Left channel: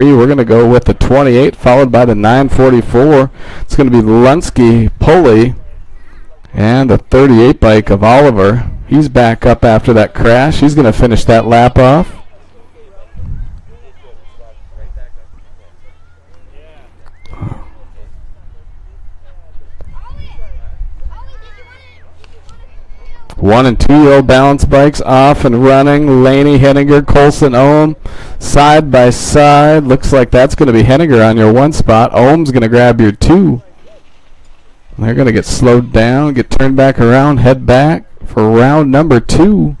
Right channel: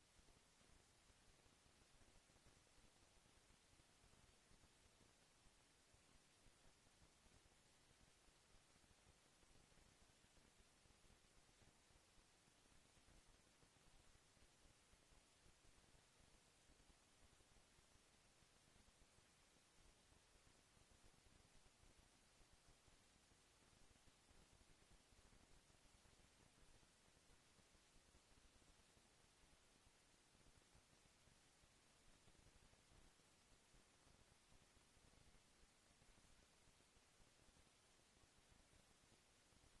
We're going to go with the 28, followed by the 944. It's going to be Lunsky, Pulley, and the 38 bike of Oliver. He's back up after that crash. He's going to finish that lap off. One and 2 year old balance bikes off and running. Laney, Henninger, Colson, Ohm side by side. Looks like that's going to be Henninger on your 1 spot. Ohm's going to grab your 2. They're going to get slowed down, get turned back around, head back for round number 2.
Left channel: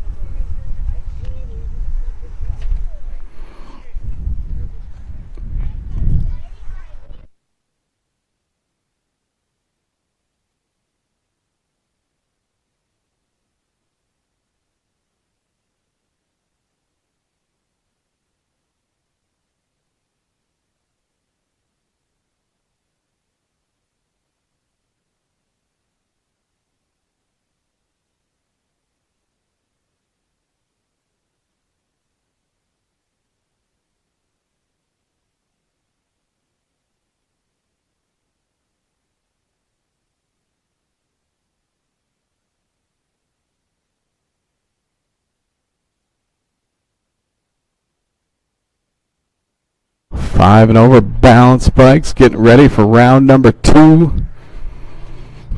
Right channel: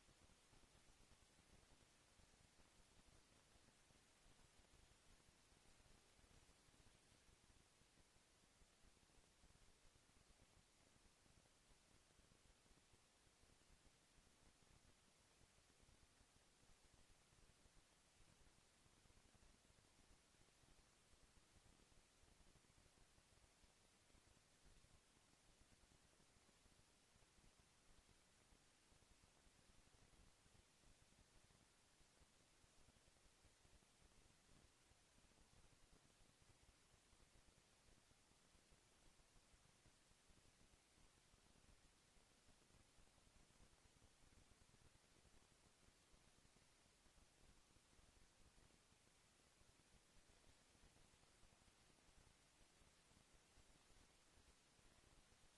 Five and over balance bikes getting ready for round number 2.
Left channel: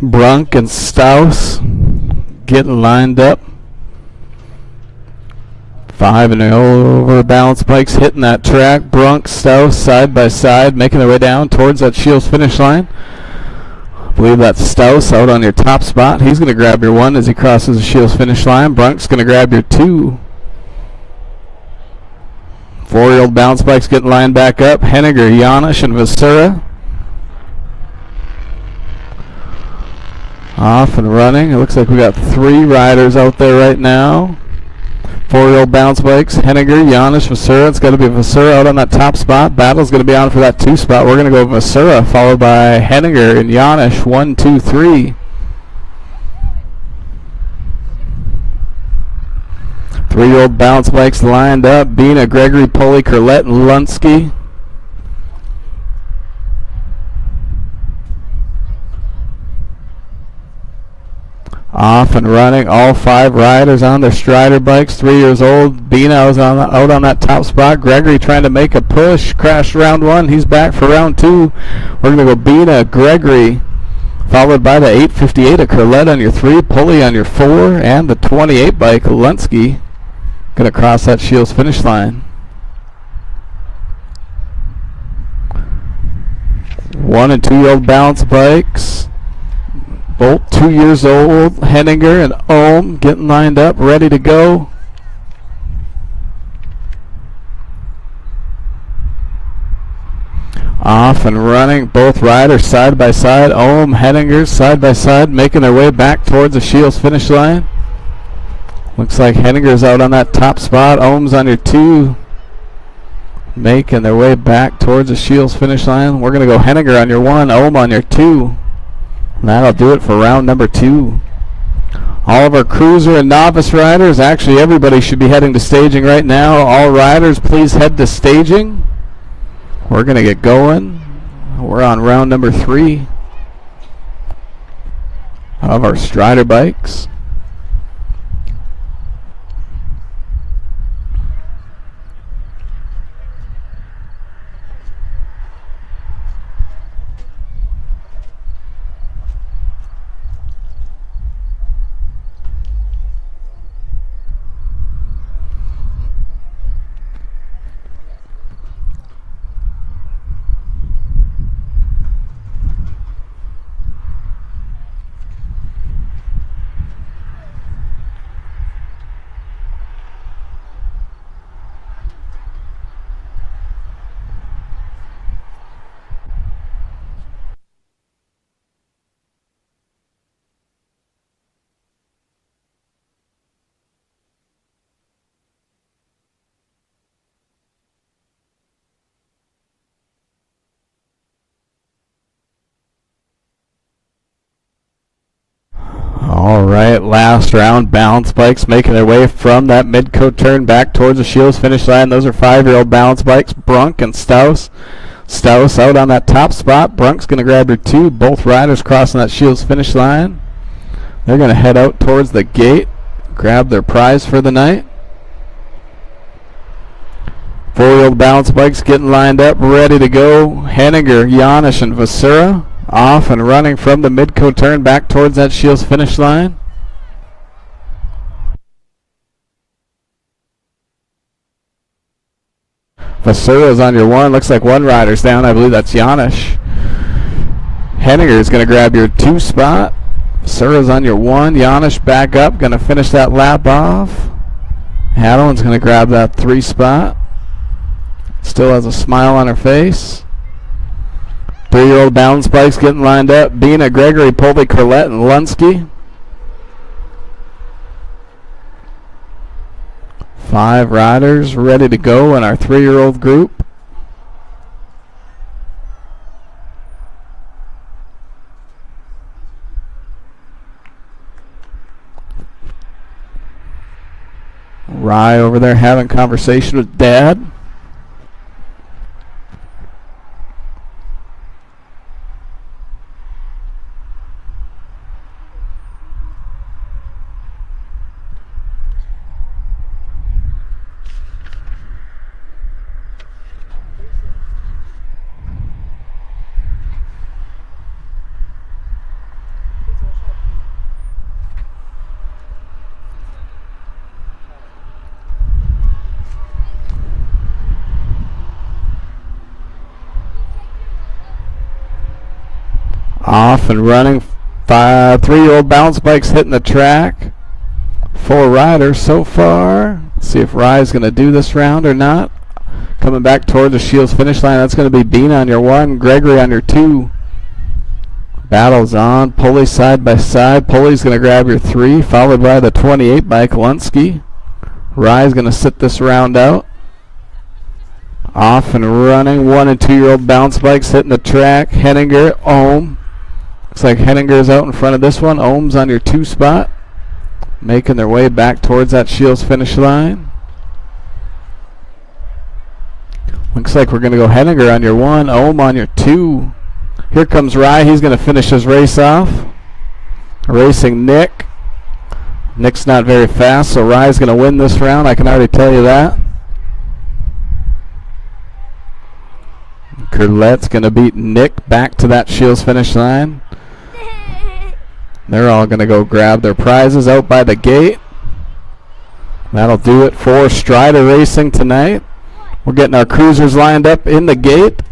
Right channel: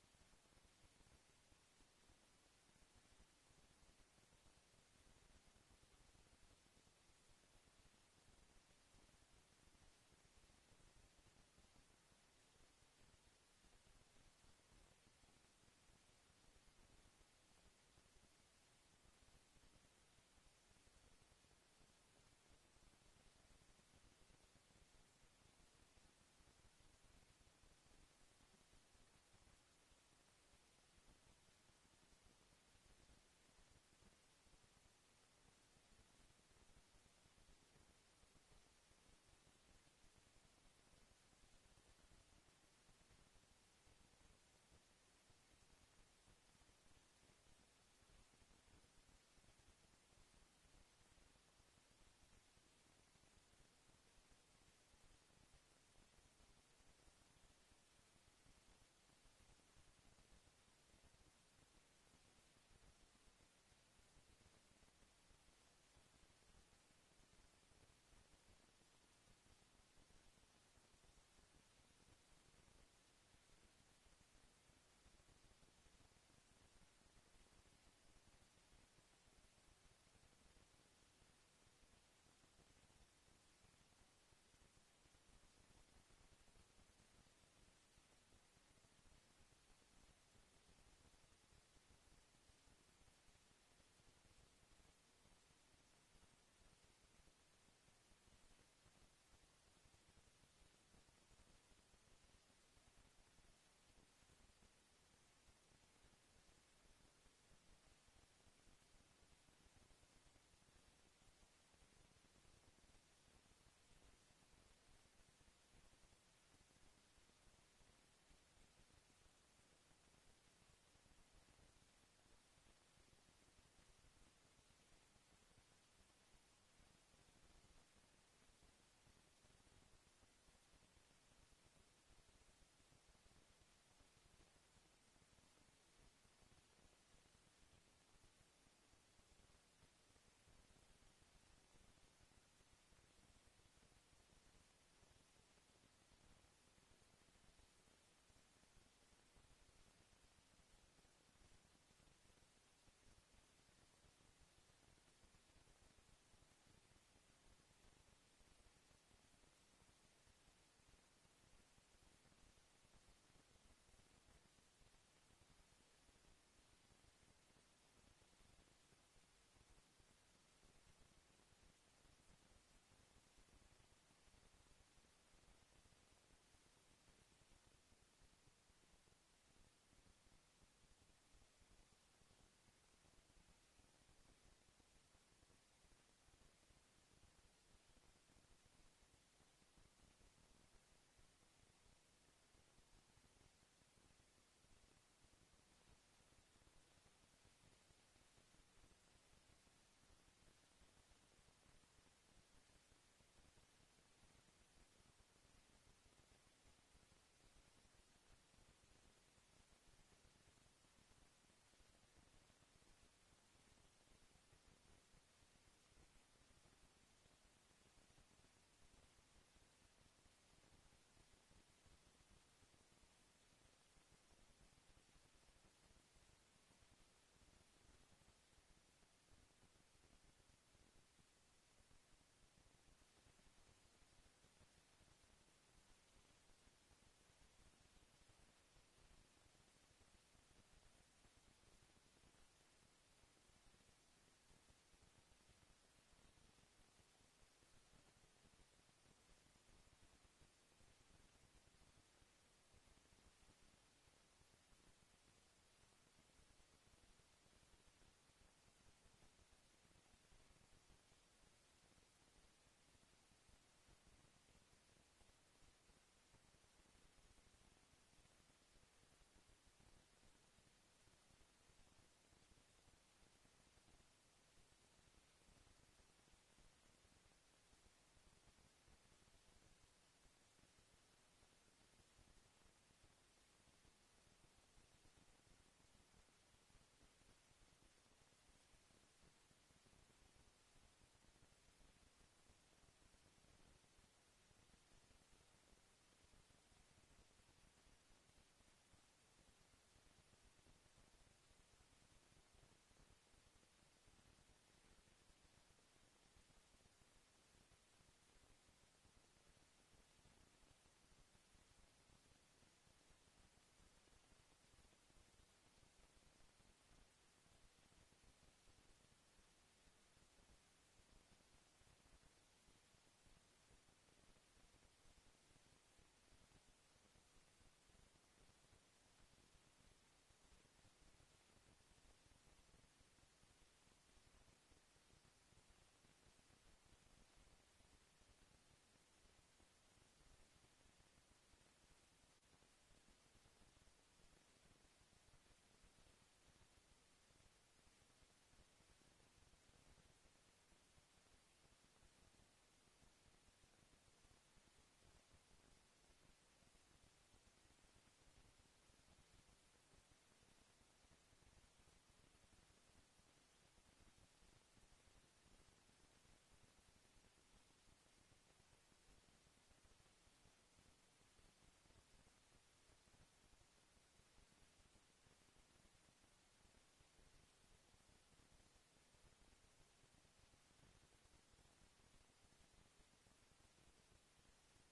Brunk and Staus getting lined up. 5 and over balance bikes hitting that track. Brunk, Staus side by side making their way down towards that Shields finish line. I believe that's Staus out on your top spot. He's going to grab your 1 as he crosses the Shields finish line. Brunk's going to grab your 2. 4-year-old bounce bikes getting lined back up. Henninger, Janisch, and Vasura. Off and running. It looks like we got 3 riders out there right now. 4-year-old bounce bikes. Henninger, Janisch, Vasura. It's got to be Vasura out on that top spot. Battle's going to be on for that 2 spot. We're going to go Vasura, followed by Henninger and Janisch. 1, 2, 3. 3-year-old bounce bikes lined up. Bina, Gregory, Pulley, Curlett, and Lunsky. Off and running. All 5 riders on their Strider bikes. 3 years old. Bina was out on that top spot. Gregory trying to make a push. Crashed round 1. He's back for round 2. We're going to go Bina, Gregory, followed by the 858 of Curlett on your 3. Pulley on your 4. And the 28 bike, Lunsky, going to cross that Shields finish line. 1 and 2 year old balance bikes. Both 2 years old. Henninger and Ohm getting lined up, ready to go. Off and running. Both riders side by side. Ohm, Henninger side by side, making their way back towards the Shields finish line. Looks like Henninger's out on that top spot. Ohm's on your 2. Making their way back towards the Shields finish line. We're going to go Henninger on your 1, Ohm on your 2. And that'll do it for round number 2. All of our cruiser and novice riders, actually everybody should be heading to staging right now. All riders, please head to staging. We're going to get going. We're on round number 3 of our Strider bikes. last round. Balance bikes making their way from that mid-coat turn back towards the Shields finish line. Those are 5-year-old balance bikes, Brunk and Staus. Staus out on that top spot. Brunk's going to grab her 2. Both riders crossing that Shields finish line. They're going to head out towards the gate, grab their prize for the night. 4-year-old balance bikes getting lined up, ready to go. Henninger, Janisch, and Vasura off and running from the mid-coat turn back towards that Shields finish line. Vasura's on your 1. Looks like one rider's down. I believe that's Janisch. Henninger is going to grab your 2 spot. Vasura's on your 1. Janisch back up, going to finish that lap off. Hadlin's going to grab that 3 spot. Still has a smile on her face. 3-year-old balance bikes getting lined up. Bina, Gregory, Polvey, Corlett, and Lunsky. 5 riders ready to go in our 3-year-old group. Rye over there having conversation with Dad. Off and running. 3-year-old balance bikes hitting the track. 4 riders so far. Let's see if Rye's going to do this round or not. Coming back toward the Shields finish line. That's going to be Bina on your 1, Gregory on your 2. Battles on. Pulley side by side. Pulley's going to grab your 3, followed by the 28 bike Lunsky. Rye's going to sit this round out. Off and running. 1 and 2-year-old balance bikes hitting the track. Henninger, Ohm. Looks like Henninger's out in front of this one. Ohm's on your 2 spot. Making their way back towards that Shields finish line. Looks like we're going to go Henninger on your 1, Ohm on your 2. Here comes Rye. He's going to finish his race off. Racing Nick. Nick's not very fast, so Rye's going to win this round. I can already tell you that. Curlette's going to beat Nick back to that Shields finish line. They're all going to go grab their prizes out by the gate. That'll do it for Strider Racing tonight. We're getting our cruisers lined up in the gate.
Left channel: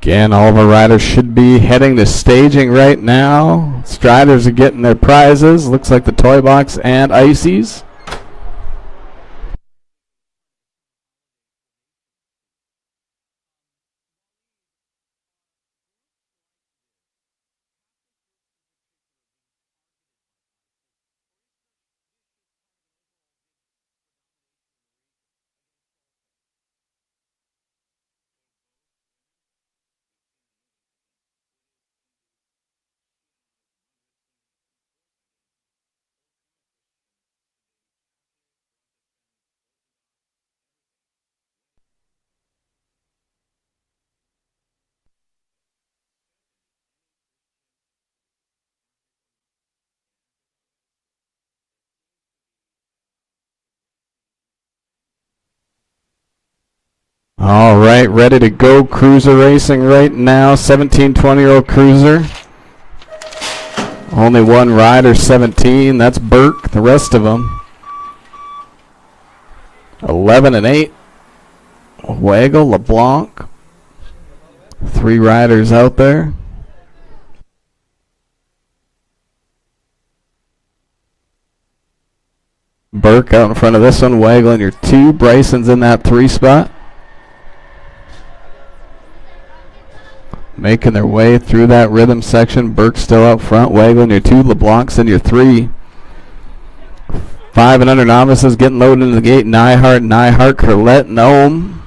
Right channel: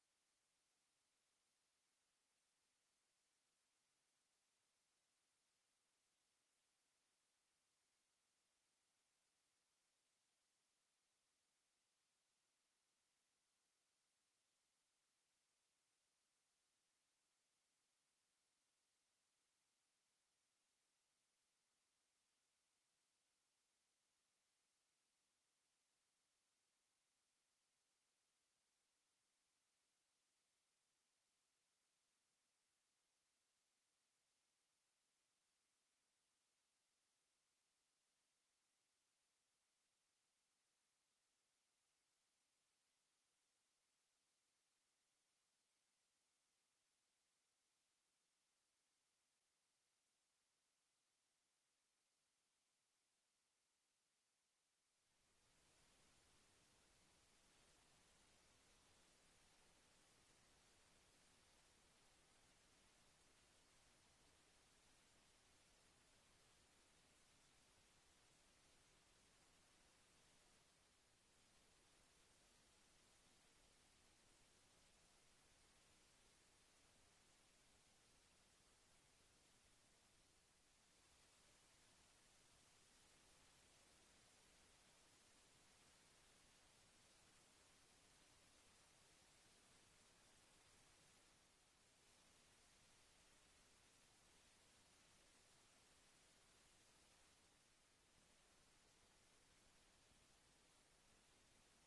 Again, all of our riders should be heading to staging right now. Striders are getting their prizes. Looks like the toy box and ices. All right, ready to go. Cruiser racing right now. 17, 20-year-old cruiser. Only one rider, 17. That's Burke. The rest of them, 11 and 8. Waggle, LeBlanc. 3 riders out there. Burke out in front of this one. Waggle in your 2. Bryson's in that 3 spot. Making their way through that rhythm section. Burke's still out front. Waggle in your 2. LeBlanc's in your 3. 5 and under novices getting loaded into the gate. Nyhart, Curlette, and Ohm.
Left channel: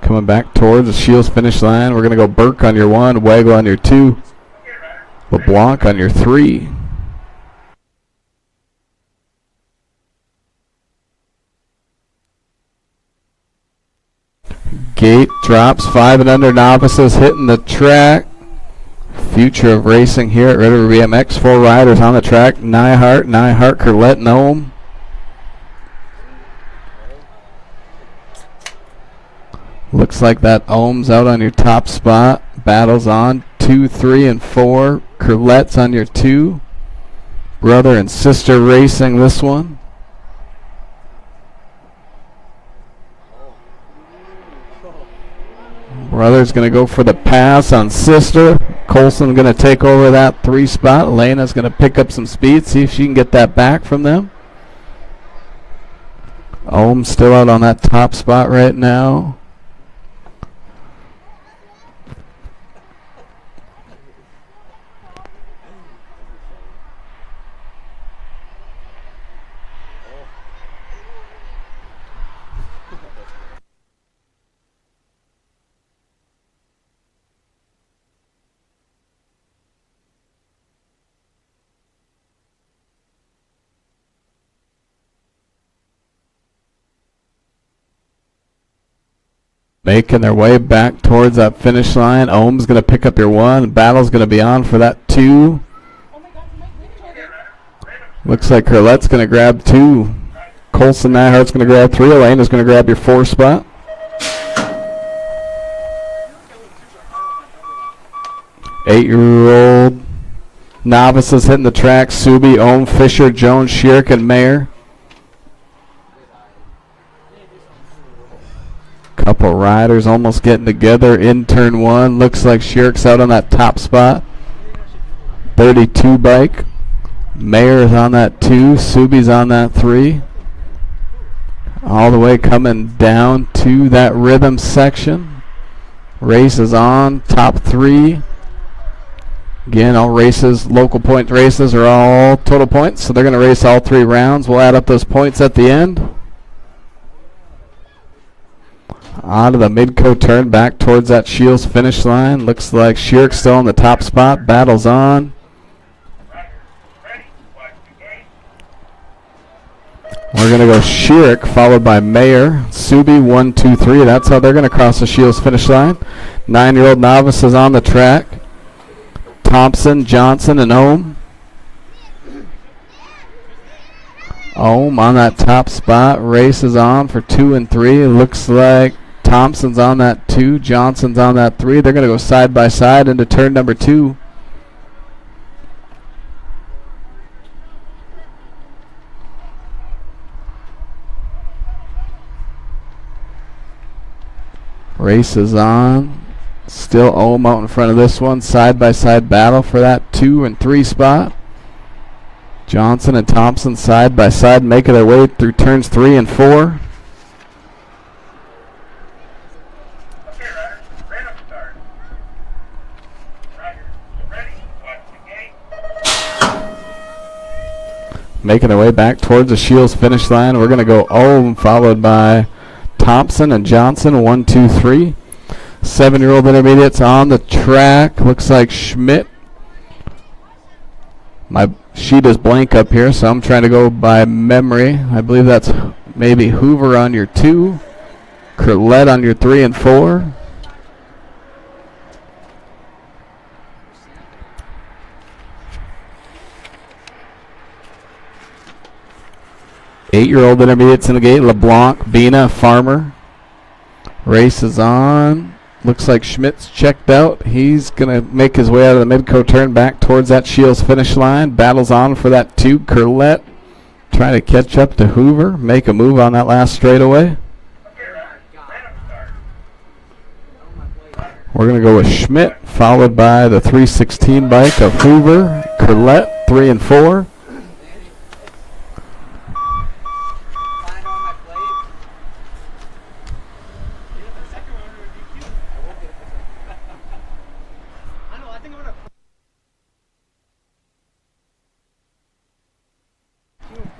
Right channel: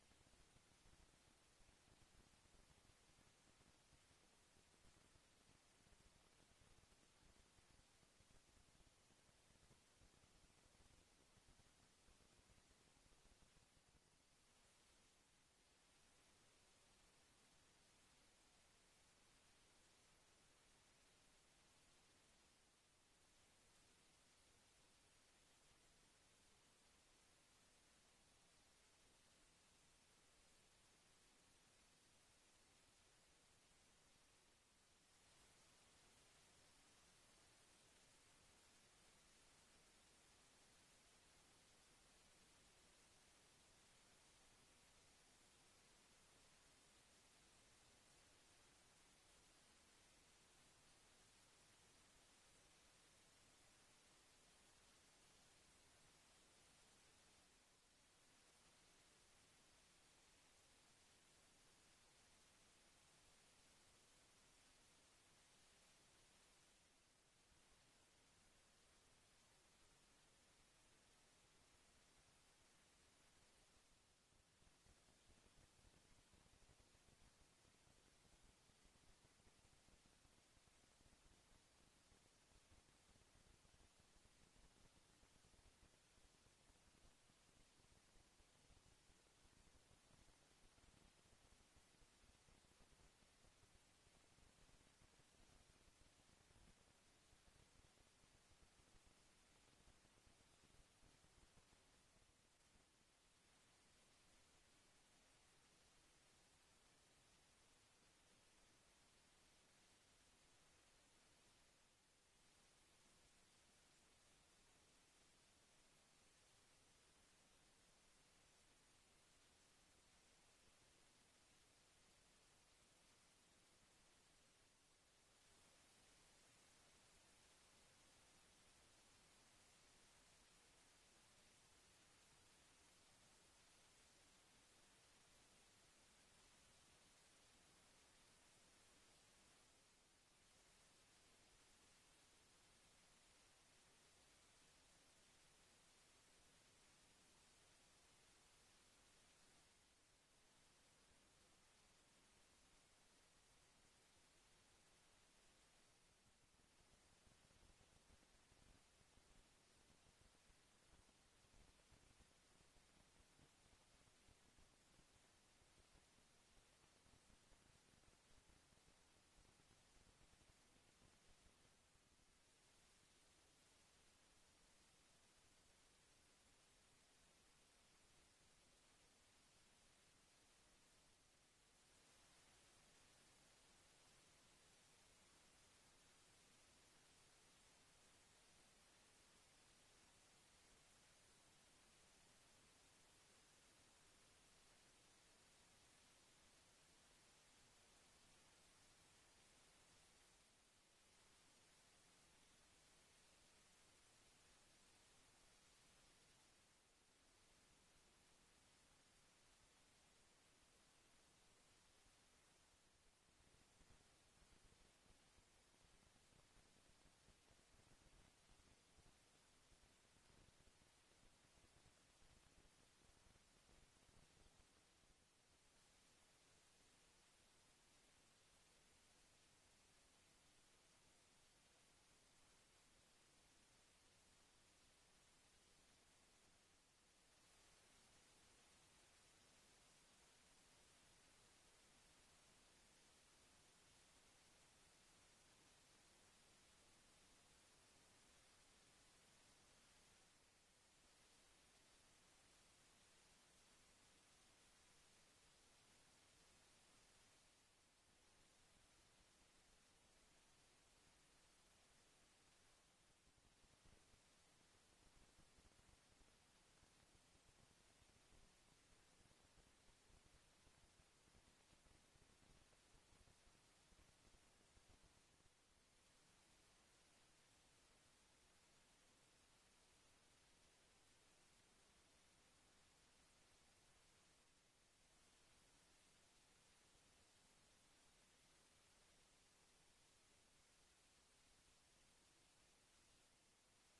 Coming back towards the Shields finish line. We're going to go Burke on your 1. Waggle on your 2. LeBlanc on your 3. Gate drops. 5 and under novices hitting the track. Future of racing here at River BMX. 4 riders on the track. Nyhart, Curlette, and Ohm. Looks like that Ohm's out on your top spot. Battles on 2, 3, and 4. Curlette's on your 2. Brother and sister racing this one. Brother's going to go for the pass on sister. Colson going to take over that 3 spot. Elena's going to pick up some speed, see if she can get that back from them. Ohm still out on that top spot right now. Making their way back towards that finish line. Ohm's going to pick up your 1. Battle's going to be on for that 2. Looks like Curlette's going to grab 2. Colson Nyhart's going to grab 3. Elena's going to grab your 4 spot. Eight-year-old novices hitting the track. Subi, Ohm, Fisher, Jones, Shirk, and Mayer. Couple riders almost getting together in turn 1. Looks like Shirk's out on that top spot. 32 bike. Mayer's on that 2. Subi's on that 3. All the way coming down to that rhythm section. Race is on. Top 3. Again, all races, local point races, are all total points. So they're going to race all 3 rounds. We'll add up those points at the end. Onto the Midco turn back towards that Shields finish line. Looks like Shirk still on the top spot. Battles on. We're going to go Shirk followed by Mayer. Subi 1, 2, 3. That's how they're going to cross the Shields finish line. 9-year-old novice is on the track. Thompson, Johnson, and Ohm. Ohm on that top spot. Race is on for 2 and 3. It looks like Thompson's on that 2. Johnson's on that 3. They're going to go side by side into turn number 2. Race is on. Still Ohm out in front of this one. Side by side battle for that 2 and 3 spot. Johnson and Thompson side by side making their way through turns 3 and 4. Making their way back towards the Shields finish line. We're going to go Ohm followed by Thompson and Johnson. 1, 2, 3. 7-year-old intermediates on the track. Looks like Schmidt. My sheet is blank up here, so I'm trying to go by memory. I believe that's maybe Hoover on your 2. Curlette on your 3 and 4. 8-year-old intermediates in the gate. LeBlanc, Bina, Farmer. Race is on. Looks like Schmidt's checked out. He's going to make his way out of the Midco turn back towards that Shields finish line. Battles on for that 2. Curlette trying to catch up to Hoover. Make a move on that last straightaway. We're going to go with Schmidt, followed by the 316 bike of Hoover. Curlette, 3 and 4.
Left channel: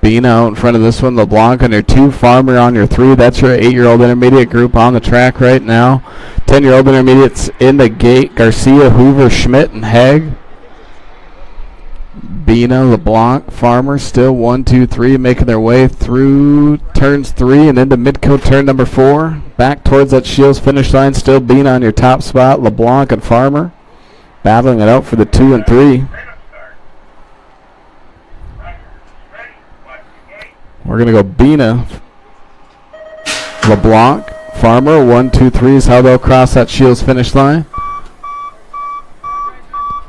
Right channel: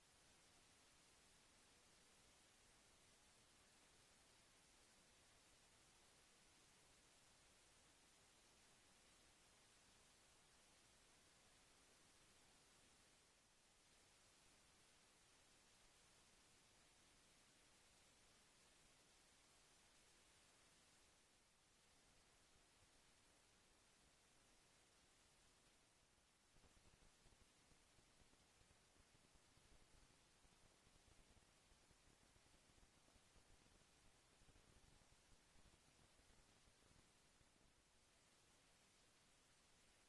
Bean out in front of this one. LeBlanc on your 2. Farmer on your 3. That's your 8-year-old intermediate group on the track right now. 10-year-old intermediates in the gate. Garcia, Hoover, Schmidt, and Haig. Bina, LeBlanc, Farmer still 1, 2, 3 making their way through turns 3 and into Midco turn number 4. Back towards that Shields finish line. Still Bina on your top spot. LeBlanc and Farmer battling it out for the 2 and 3. We're going to go Bina, LeBlanc, Farmer. 1, 2, 3 is how they'll cross that Shields finish line.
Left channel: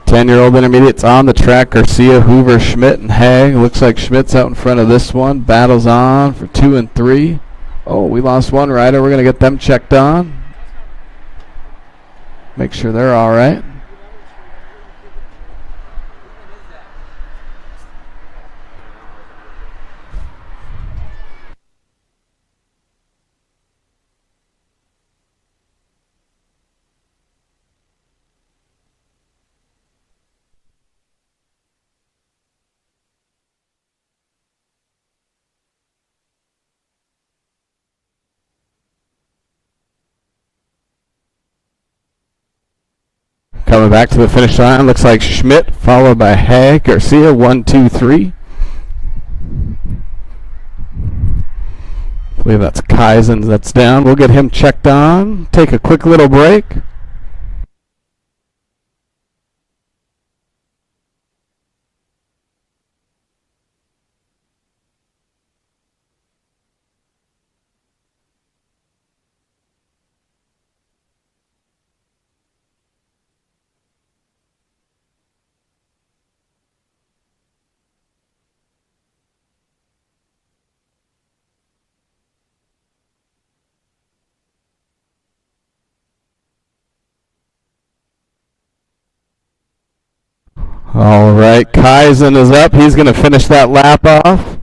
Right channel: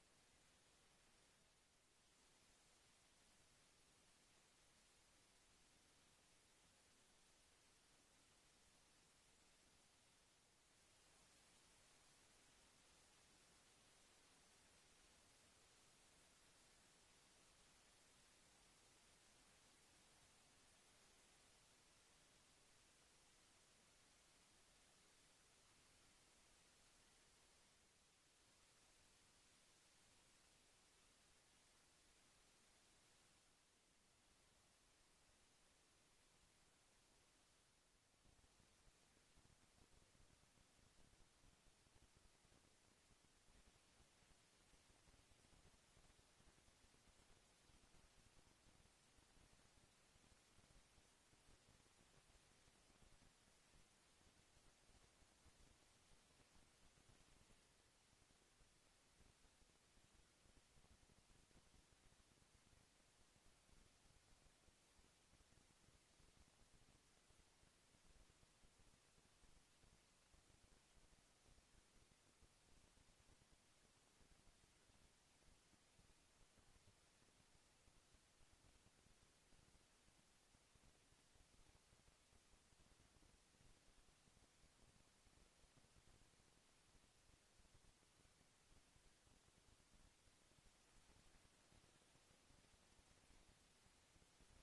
10-year-old intermediates on the track. Garcia, Hoover, Schmidt, and Haig. Looks like Schmidt's out in front of this one. Battles on for 2 and 3. Oh, we lost one rider. We're going to get them checked on. Make sure they're all right. Coming back to the finish line, looks like Schmidt, followed by Haig. Garcia, 1, 2, 3. I believe that's Kaizen that's down. We'll get him checked on. Take a quick little break. All right, Kaizen is up. He's going to finish that lap off.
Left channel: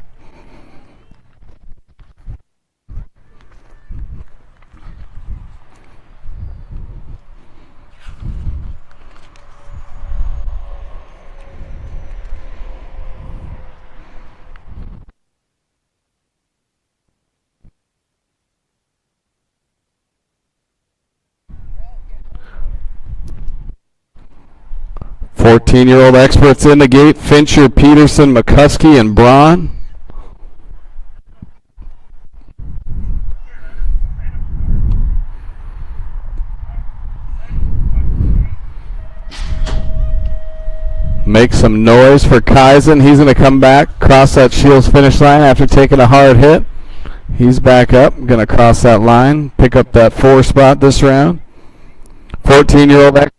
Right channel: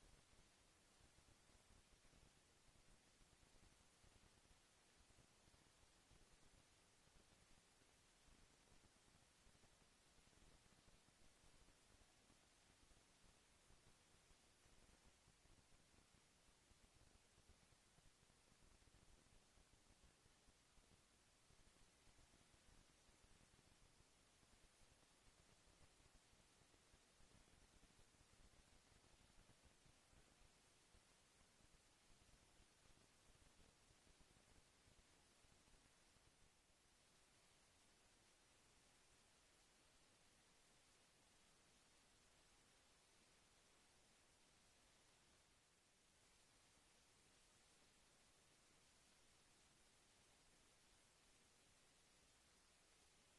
Fourteen-year-old experts in the gate. Fincher, Peterson, McCuskey, and Braun. Make some noise for Kaizen. He's going to come back, cross that Shields finish line after taking a hard hit. He's back up, going to cross that line, pick up that 4 spot this round. 14-year-old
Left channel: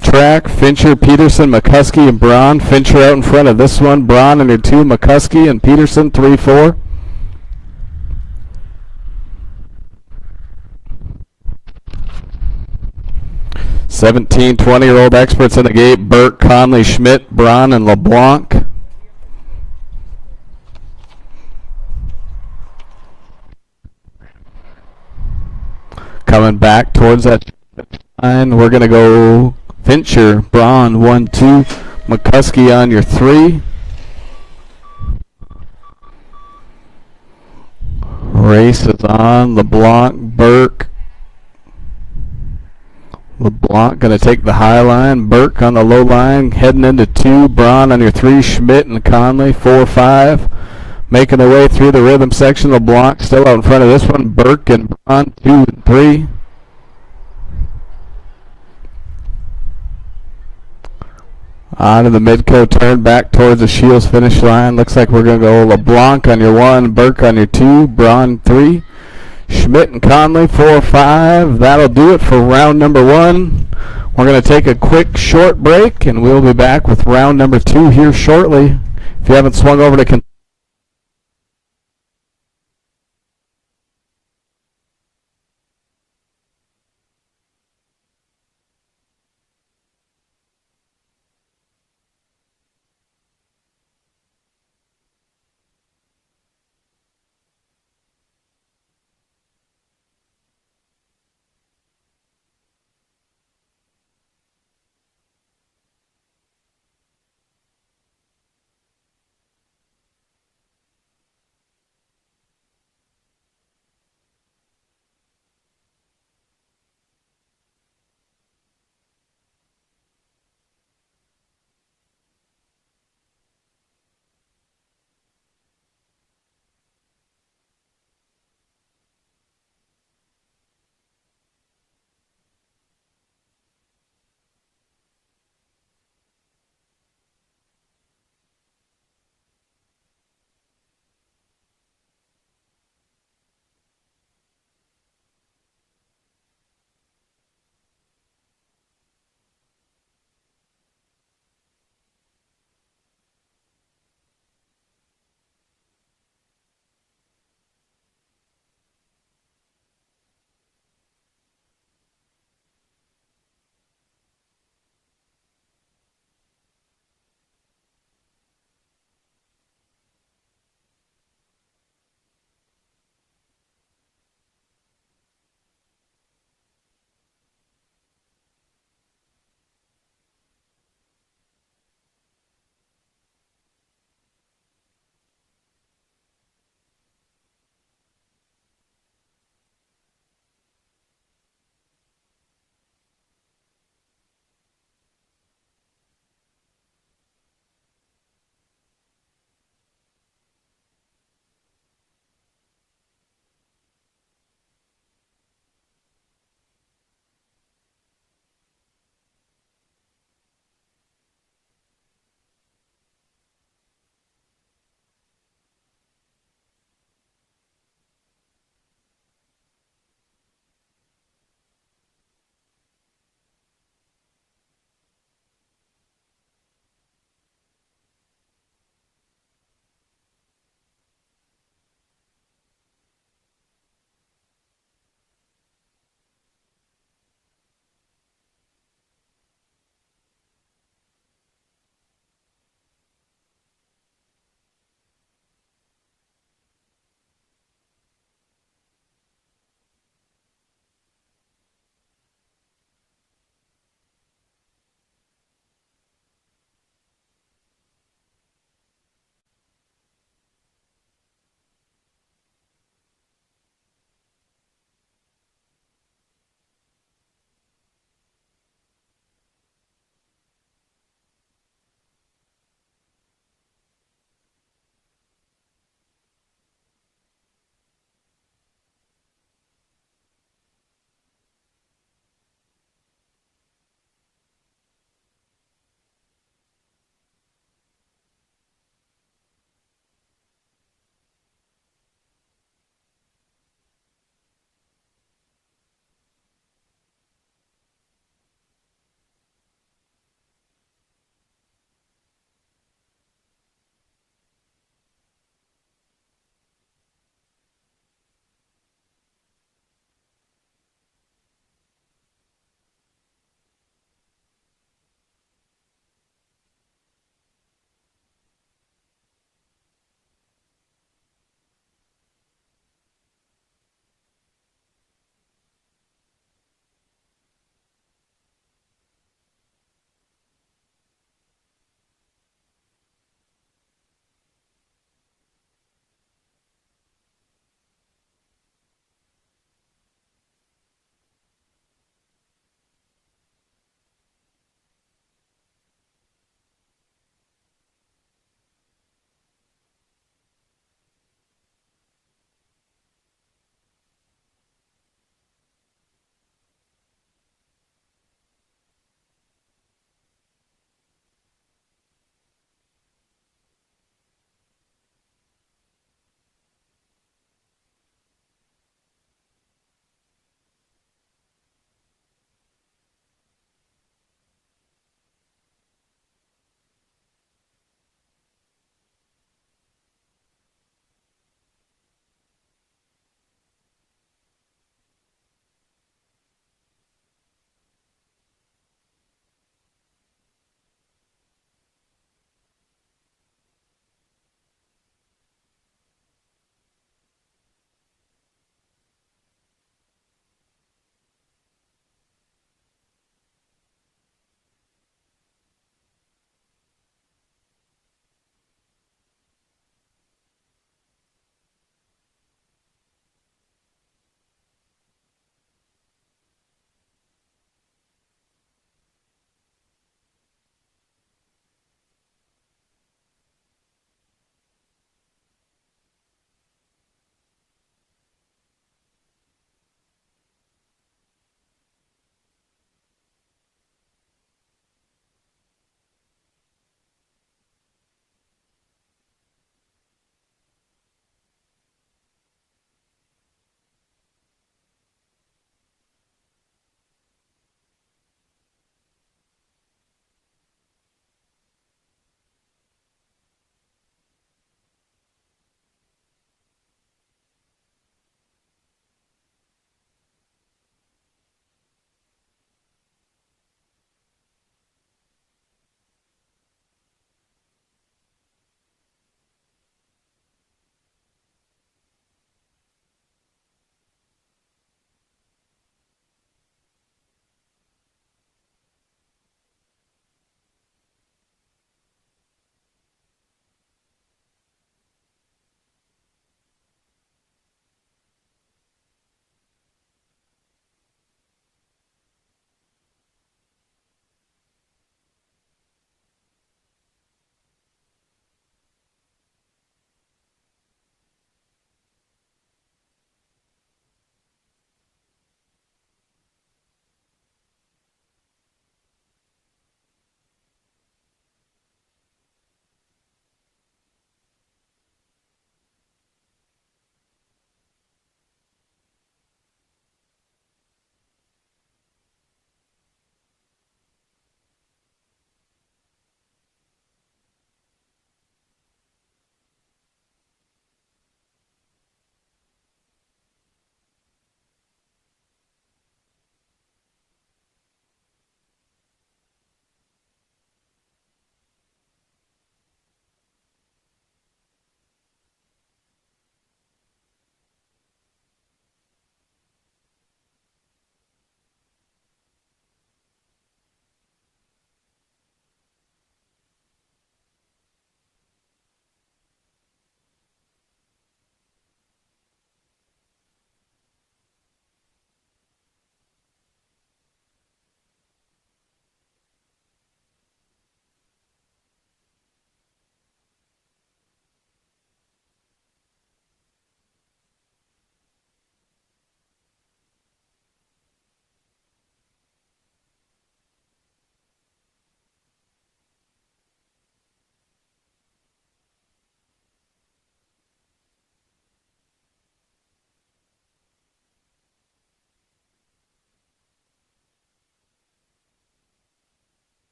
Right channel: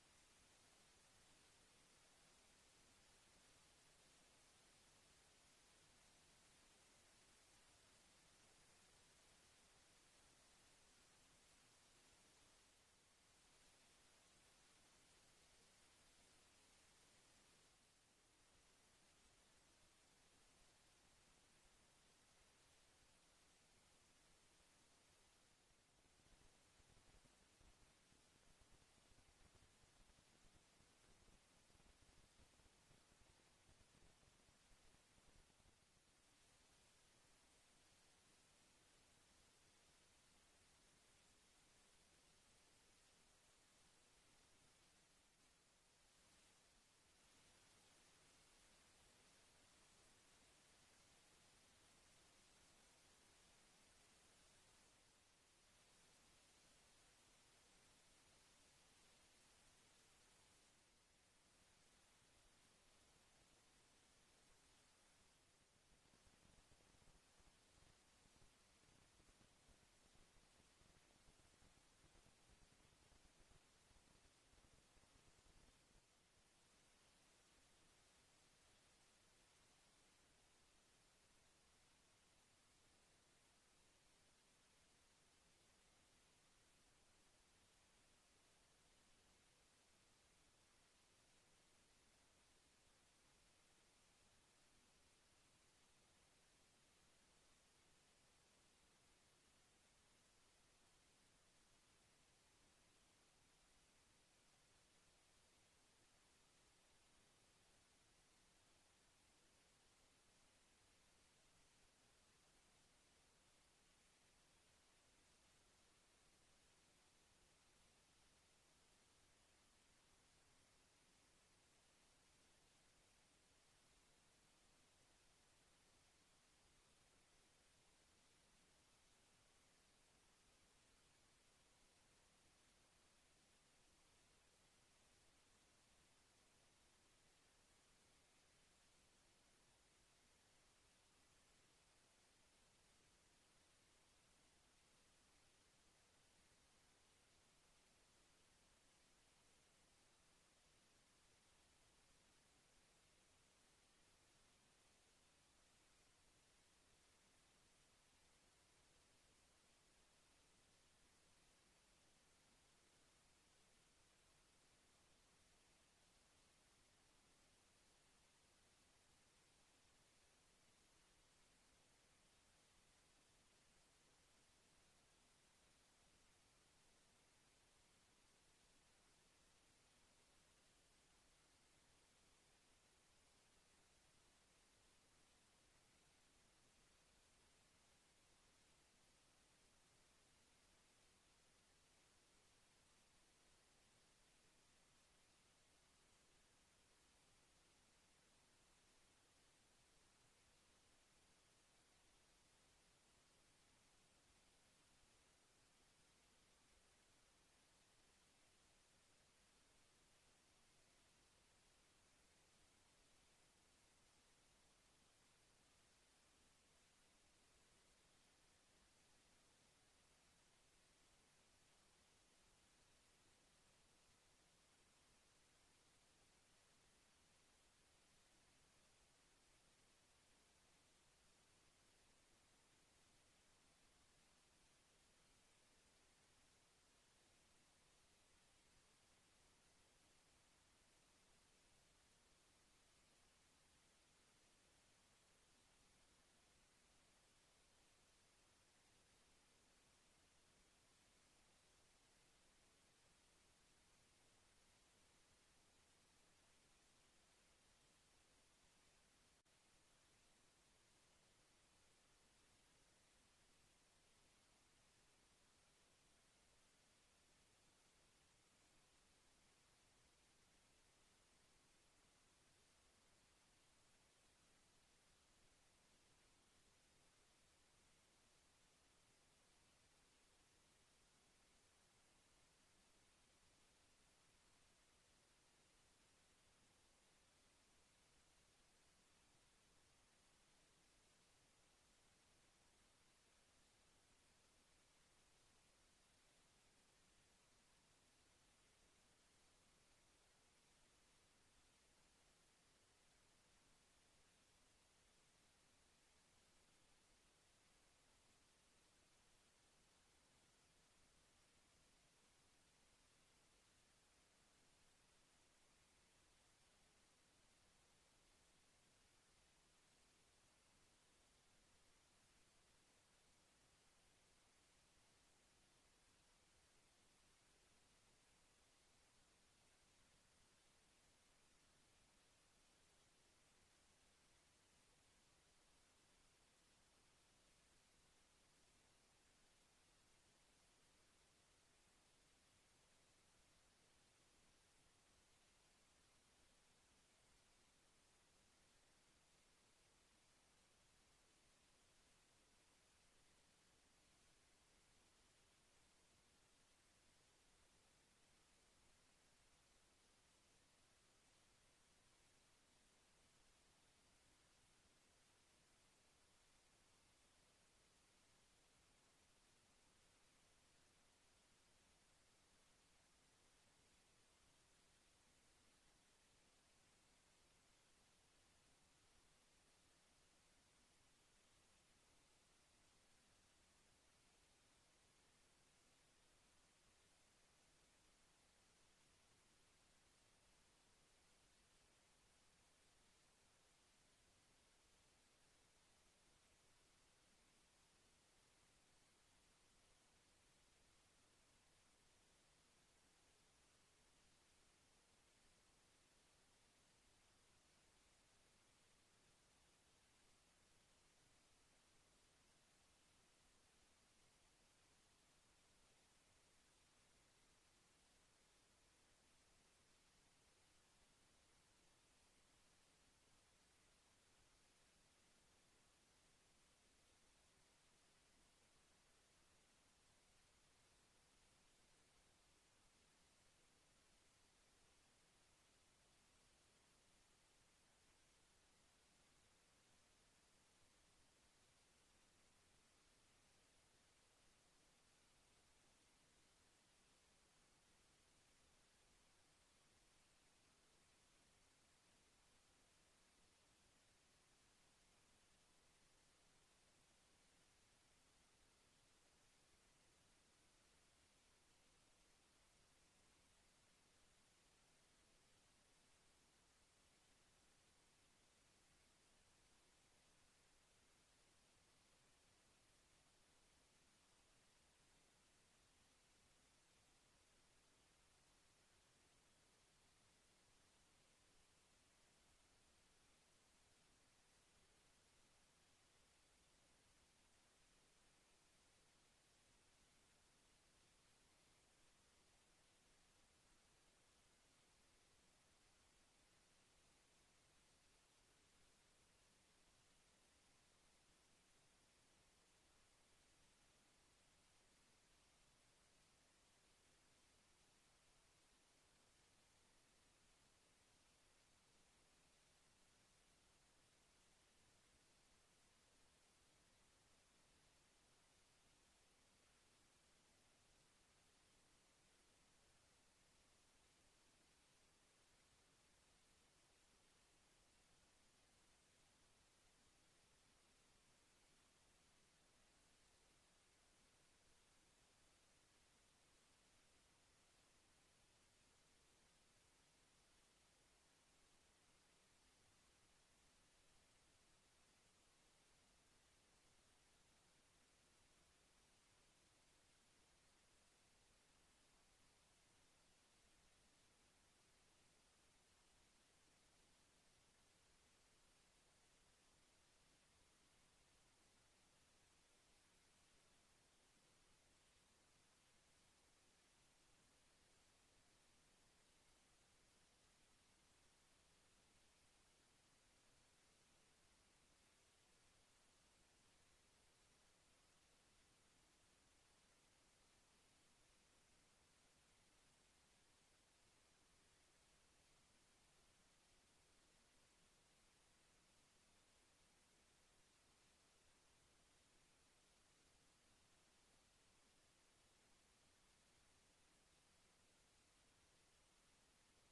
track, Fincher, Peterson, McCuskey, and Braun. Fincher out in front of this one. Braun under 2, McCuskey and Peterson 3, 4. Seventeen, 20-year-old experts in the gate. Burke, Conley, Schmidt, Braun, and LeBlanc. Coming back towards that line, we're going to go Fincher, Braun, 1, 2. McCuskey on your 3. Race is on. LeBlanc, Burke. LeBlanc going to take the high line. Burke on the low line, heading into 2. Braun on your 3. Schmidt and Conley, 4, 5. Making their way through the rhythm section. LeBlanc still out in front of this one. Burke and Braun, 2 and 3. On to the Midco turn back towards the Shields finish line. Looks like we're going to go LeBlanc on your 1, Burke on your 2, Braun 3, Schmidt and Conley 4, 5. That'll do it for round number 1. We're going to take a quick short break, and we'll be back with round number 2 here shortly. If you haven't swung over to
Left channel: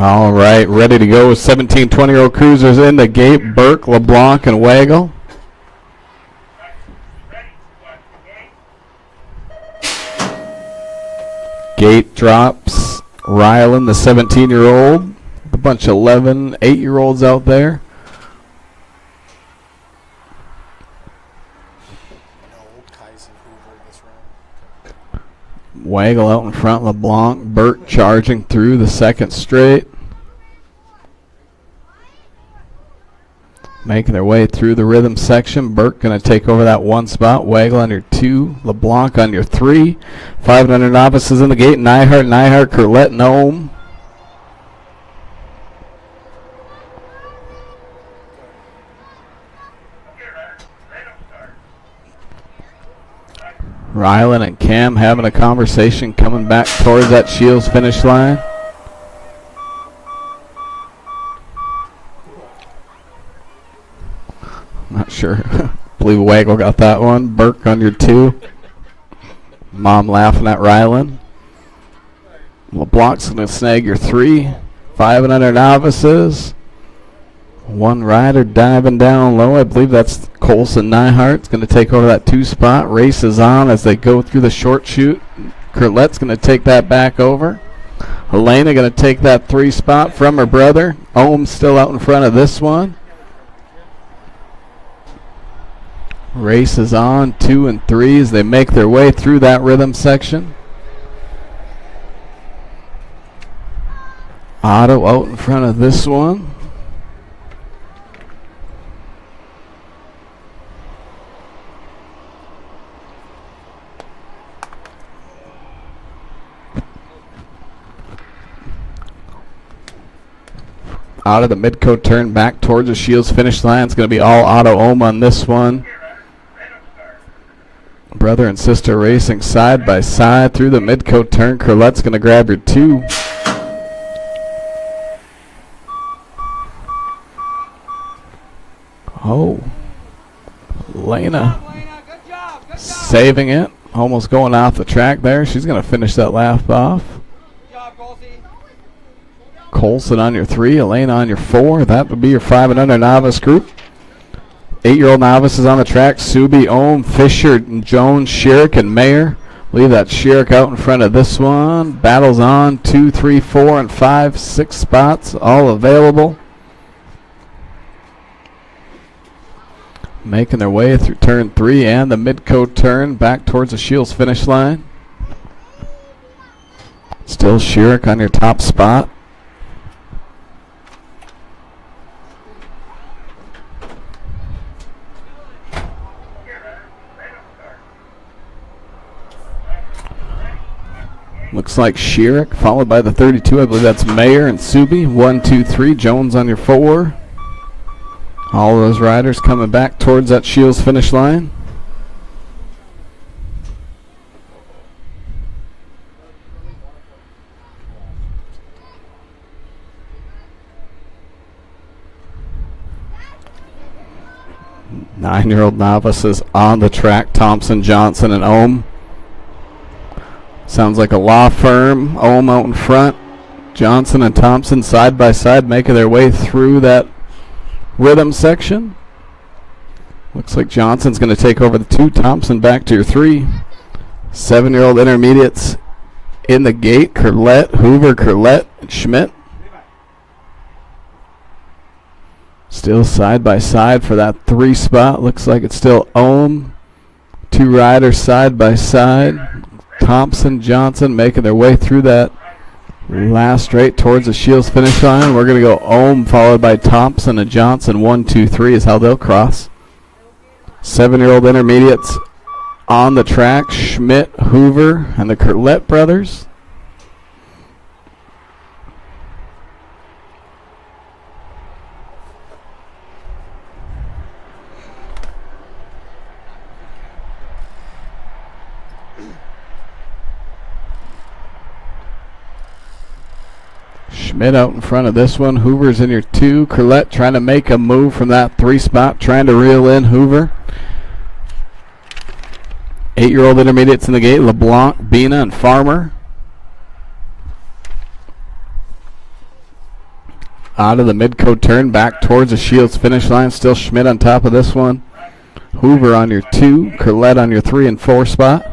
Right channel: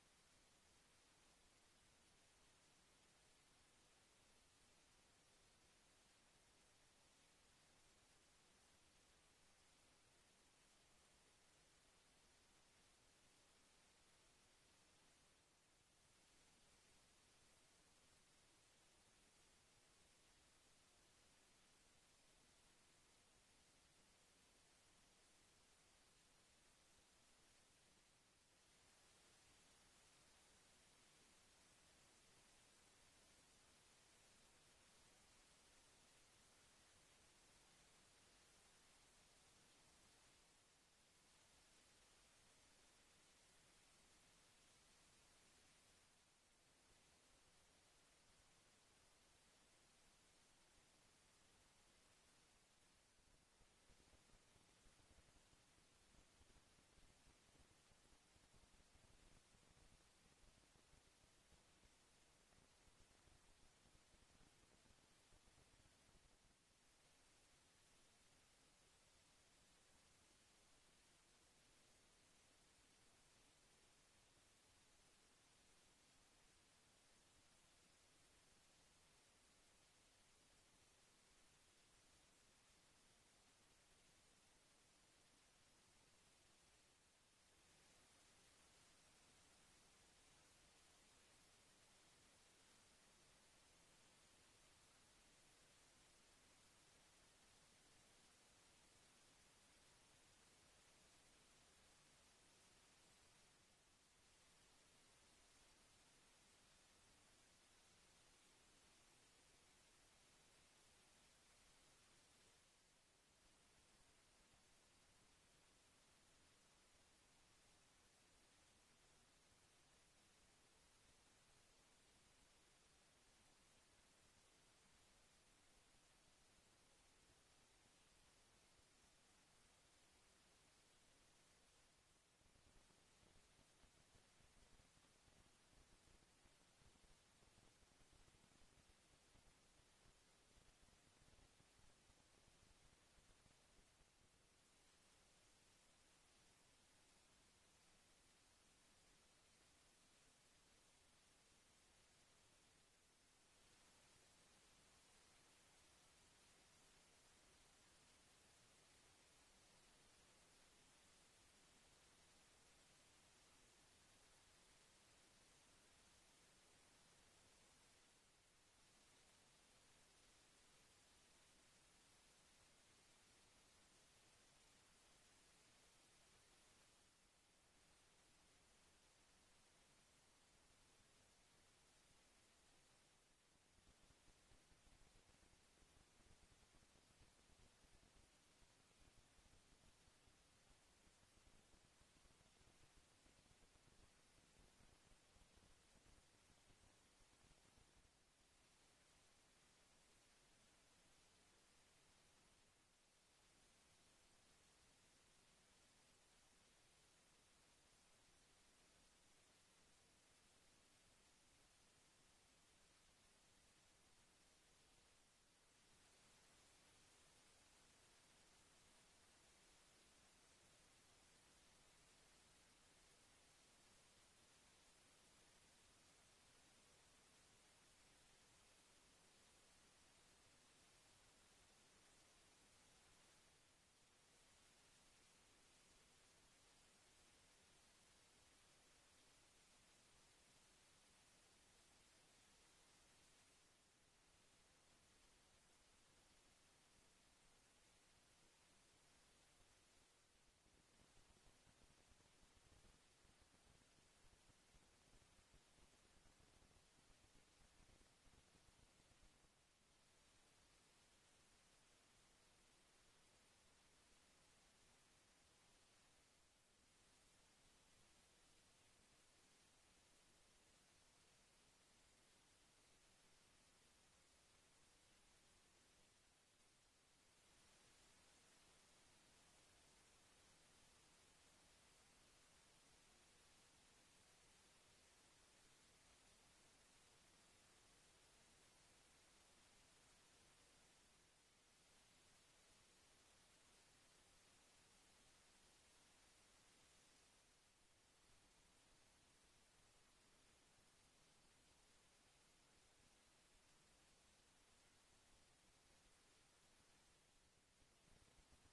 All right, ready to go with 17, 20-year-old cruisers in the gate. Burke, LeBlanc, and Wagle. Gate drops. Ryland, the 17-year-old. A bunch of 11, 8-year-olds out there. Wagle out in front, LeBlanc. Burke charging through the second straight. Making their way through the rhythm section. Burke going to take over that one spot. Wagle on your 2. LeBlanc on your 3. 500 novices in the gate. Nyhart, Curlette, and Ohm. Ryland and Cam having a conversation coming back towards that Shields finish line. Not sure. Believe Wagle got that one. Burke on your 2. Mom laughing at Ryland. LeBlanc's going to snag your 3. 500 novices. One rider diving down low. I believe that's Colson Nyhart's going to take over that 2 spot. Race is on as they go through the short chute. Curlette's going to take that back over. Helena going to take that 3 spot from her brother. Ohm's still out in front of this one. Race is on, 2 and 3 as they make their way through that rhythm section. Otto out in front of this one. Out of the mid-coat turn back towards the Shields finish line. It's going to be all Otto Ohm on this one. Brother and sister racing side by side through the mid-coat turn. Curlette's going to grab your 2. Oh. Lena saving it. Almost going off the track there. She's going to finish that lap off. Colson on your 3, Elena on your 4. That would be your 5 and under novice group. 8-year-old novices on the track. Subi, Ohm, Fisher, and Jones, Sherrick, and Mayer. Leave that Sherrick out in front of this one. Battles on. 2, 3, 4, and 5, 6 spots all available. Making their way through turn 3 and the mid-coat turn back towards the Shields finish line. Still Sherrick on your top spot. Looks like Sherrick, followed by the 32. I believe that's Mayer and Subi. 1, 2, 3. Jones on your 4. All those riders coming back towards that Shields finish line. Nine-year-old novices on the track. Thompson, Johnson, and Ohm. Sounds like a law firm. Ohm out in front. Johnson and Thompson side by side making their way through that rhythm section. Looks like Johnson's going to take over the 2. Thompson back to your 3. 7-year-old intermediates in the gate. Curlette, Hoover, Curlette, and Schmidt. Still side by side for that 3 spot. Looks like it's still Ohm. 2 riders side by side. Thompson, Johnson making their way through that last straight towards the Shields finish line. We're going to go Ohm followed by Thompson and Johnson. 1, 2, 3 is how they'll cross. 7-year-old intermediates on the track. Schmidt, Hoover, and the Curlette brothers. Schmidt out in front of this one. Hoover's in your 2. Curlette trying to make a move from that 3 spot, trying to reel in Hoover. 8-year-old intermediates in the gate. LeBlanc, Bina, and Farmer. Out of the Midco turn, back towards the Shields finish line. Still Schmidt on top of this one. Hoover on your 2, Curlette on your 3 and 4 spot.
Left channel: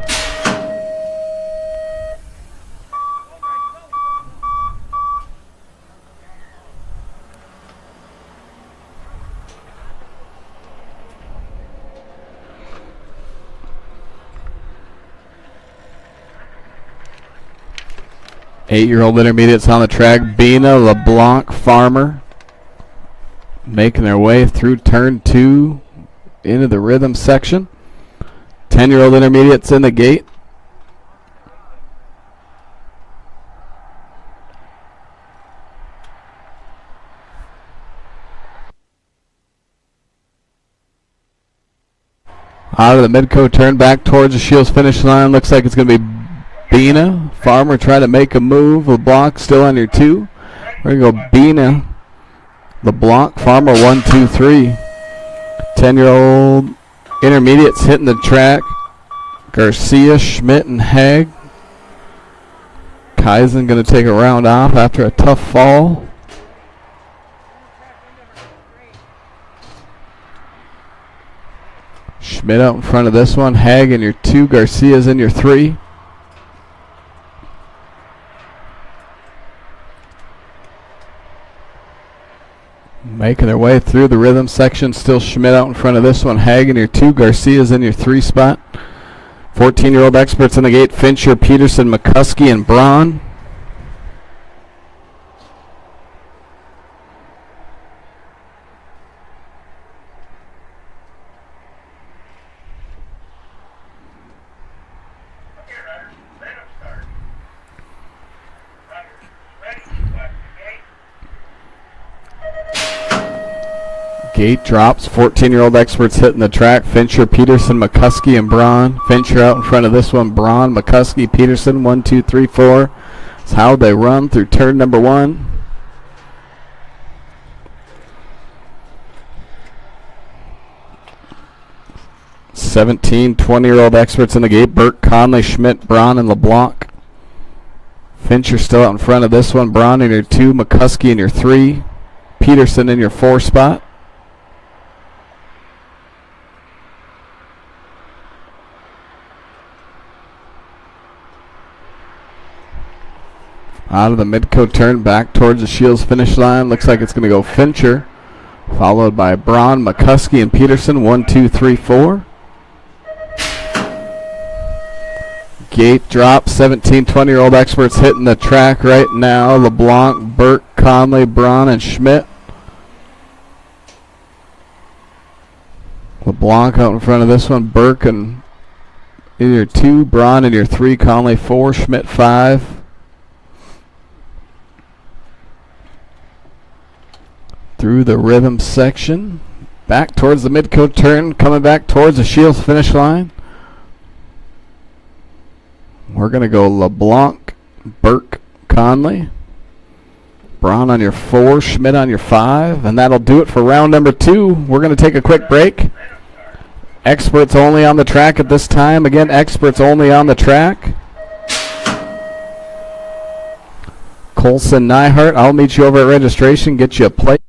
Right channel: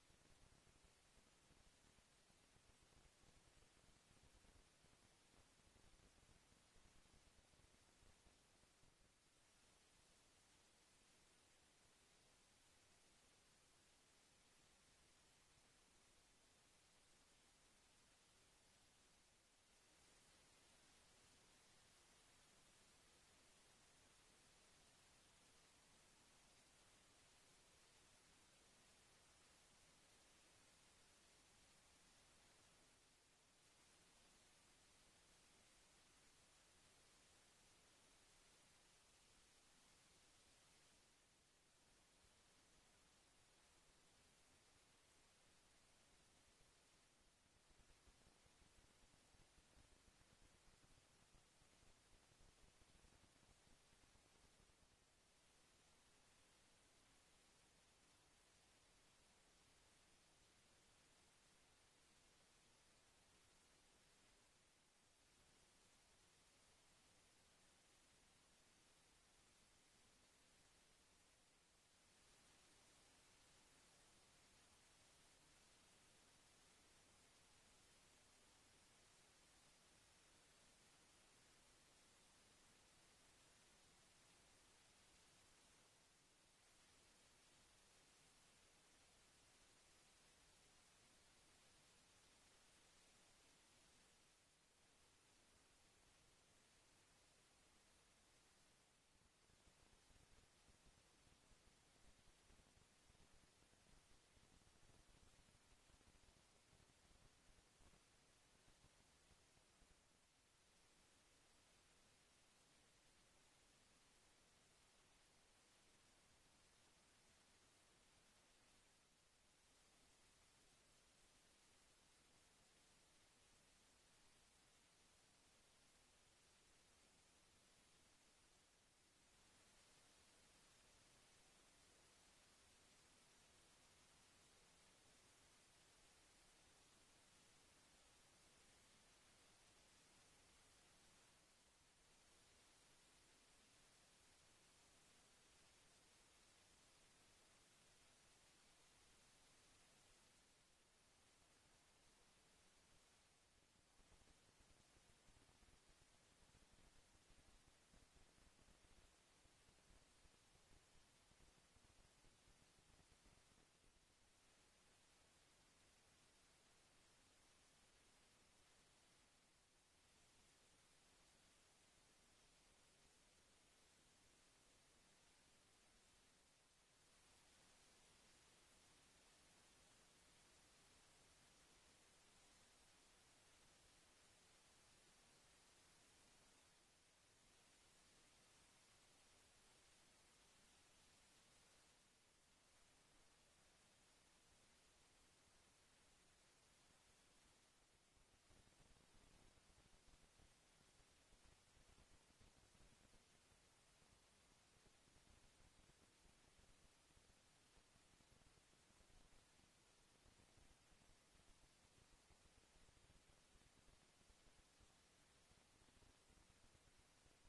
Eight-year-old intermediates on the track. Bina, LeBlanc, Farmer making their way through turn 2 into the rhythm section. 10-year-old intermediates in the gate. Out of the Midco turn, back towards the Shields finish line. Looks like it's going to be Bina. Farmer trying to make a move. LeBlanc still on your 2. We're going to go Bina, LeBlanc, Farmer 1, 2, 3. 10-year-old intermediates hitting the track. Garcia, Schmidt, and Haig. Kaizen going to take a round off after a tough fall. Schmidt out in front of this one. Haig in your 2. Garcia's in your 3. Making their way through the rhythm section. Still Schmidt out in front of this one. Haig in your 2. Garcia's in your 3 spot. 14-year-old experts in the gate. Fincher, Peterson, McCuskey, and Braun. Gate drops. 14-year-old experts hitting the track. Fincher, Peterson, McCuskey, and Braun. Fincher out in front of this one. Braun, McCuskey, Peterson. 1, 2, 3, 4. That's how they run through turn number 1. (17, 20-year-old experts in the gate. Burke, Conley, Schmidt, Braun, and LeBlanc. Fincher still out in front of this one. Braun in your 2. McCuskey in your 3. Peterson in your 4 spot. Out of the Midco turn, back towards the Shields finish line. Looks like it's going to go Fincher, followed by Braun, McCuskey, and Peterson. 1, 2, 3, 4. Gate drop. 17, 20-year-old experts hitting the track right now. LeBlanc, Burke, Conley, Braun, and Schmidt. LeBlanc out in front of this one. Burke in your 2, Braun in your 3, Conley 4, Schmidt 5. Through the rhythm section, back towards the Midco turn, coming back towards the Shields finish line. We're going to go LeBlanc, Burke, Conley, Braun on your 4, Schmidt on your 5, and that'll do it for round number 2. We're going to take a quick break. Experts only on the track at this time. Again, experts only on the track. Colson Nyhart, I'll meet you over at registration, get you a plate.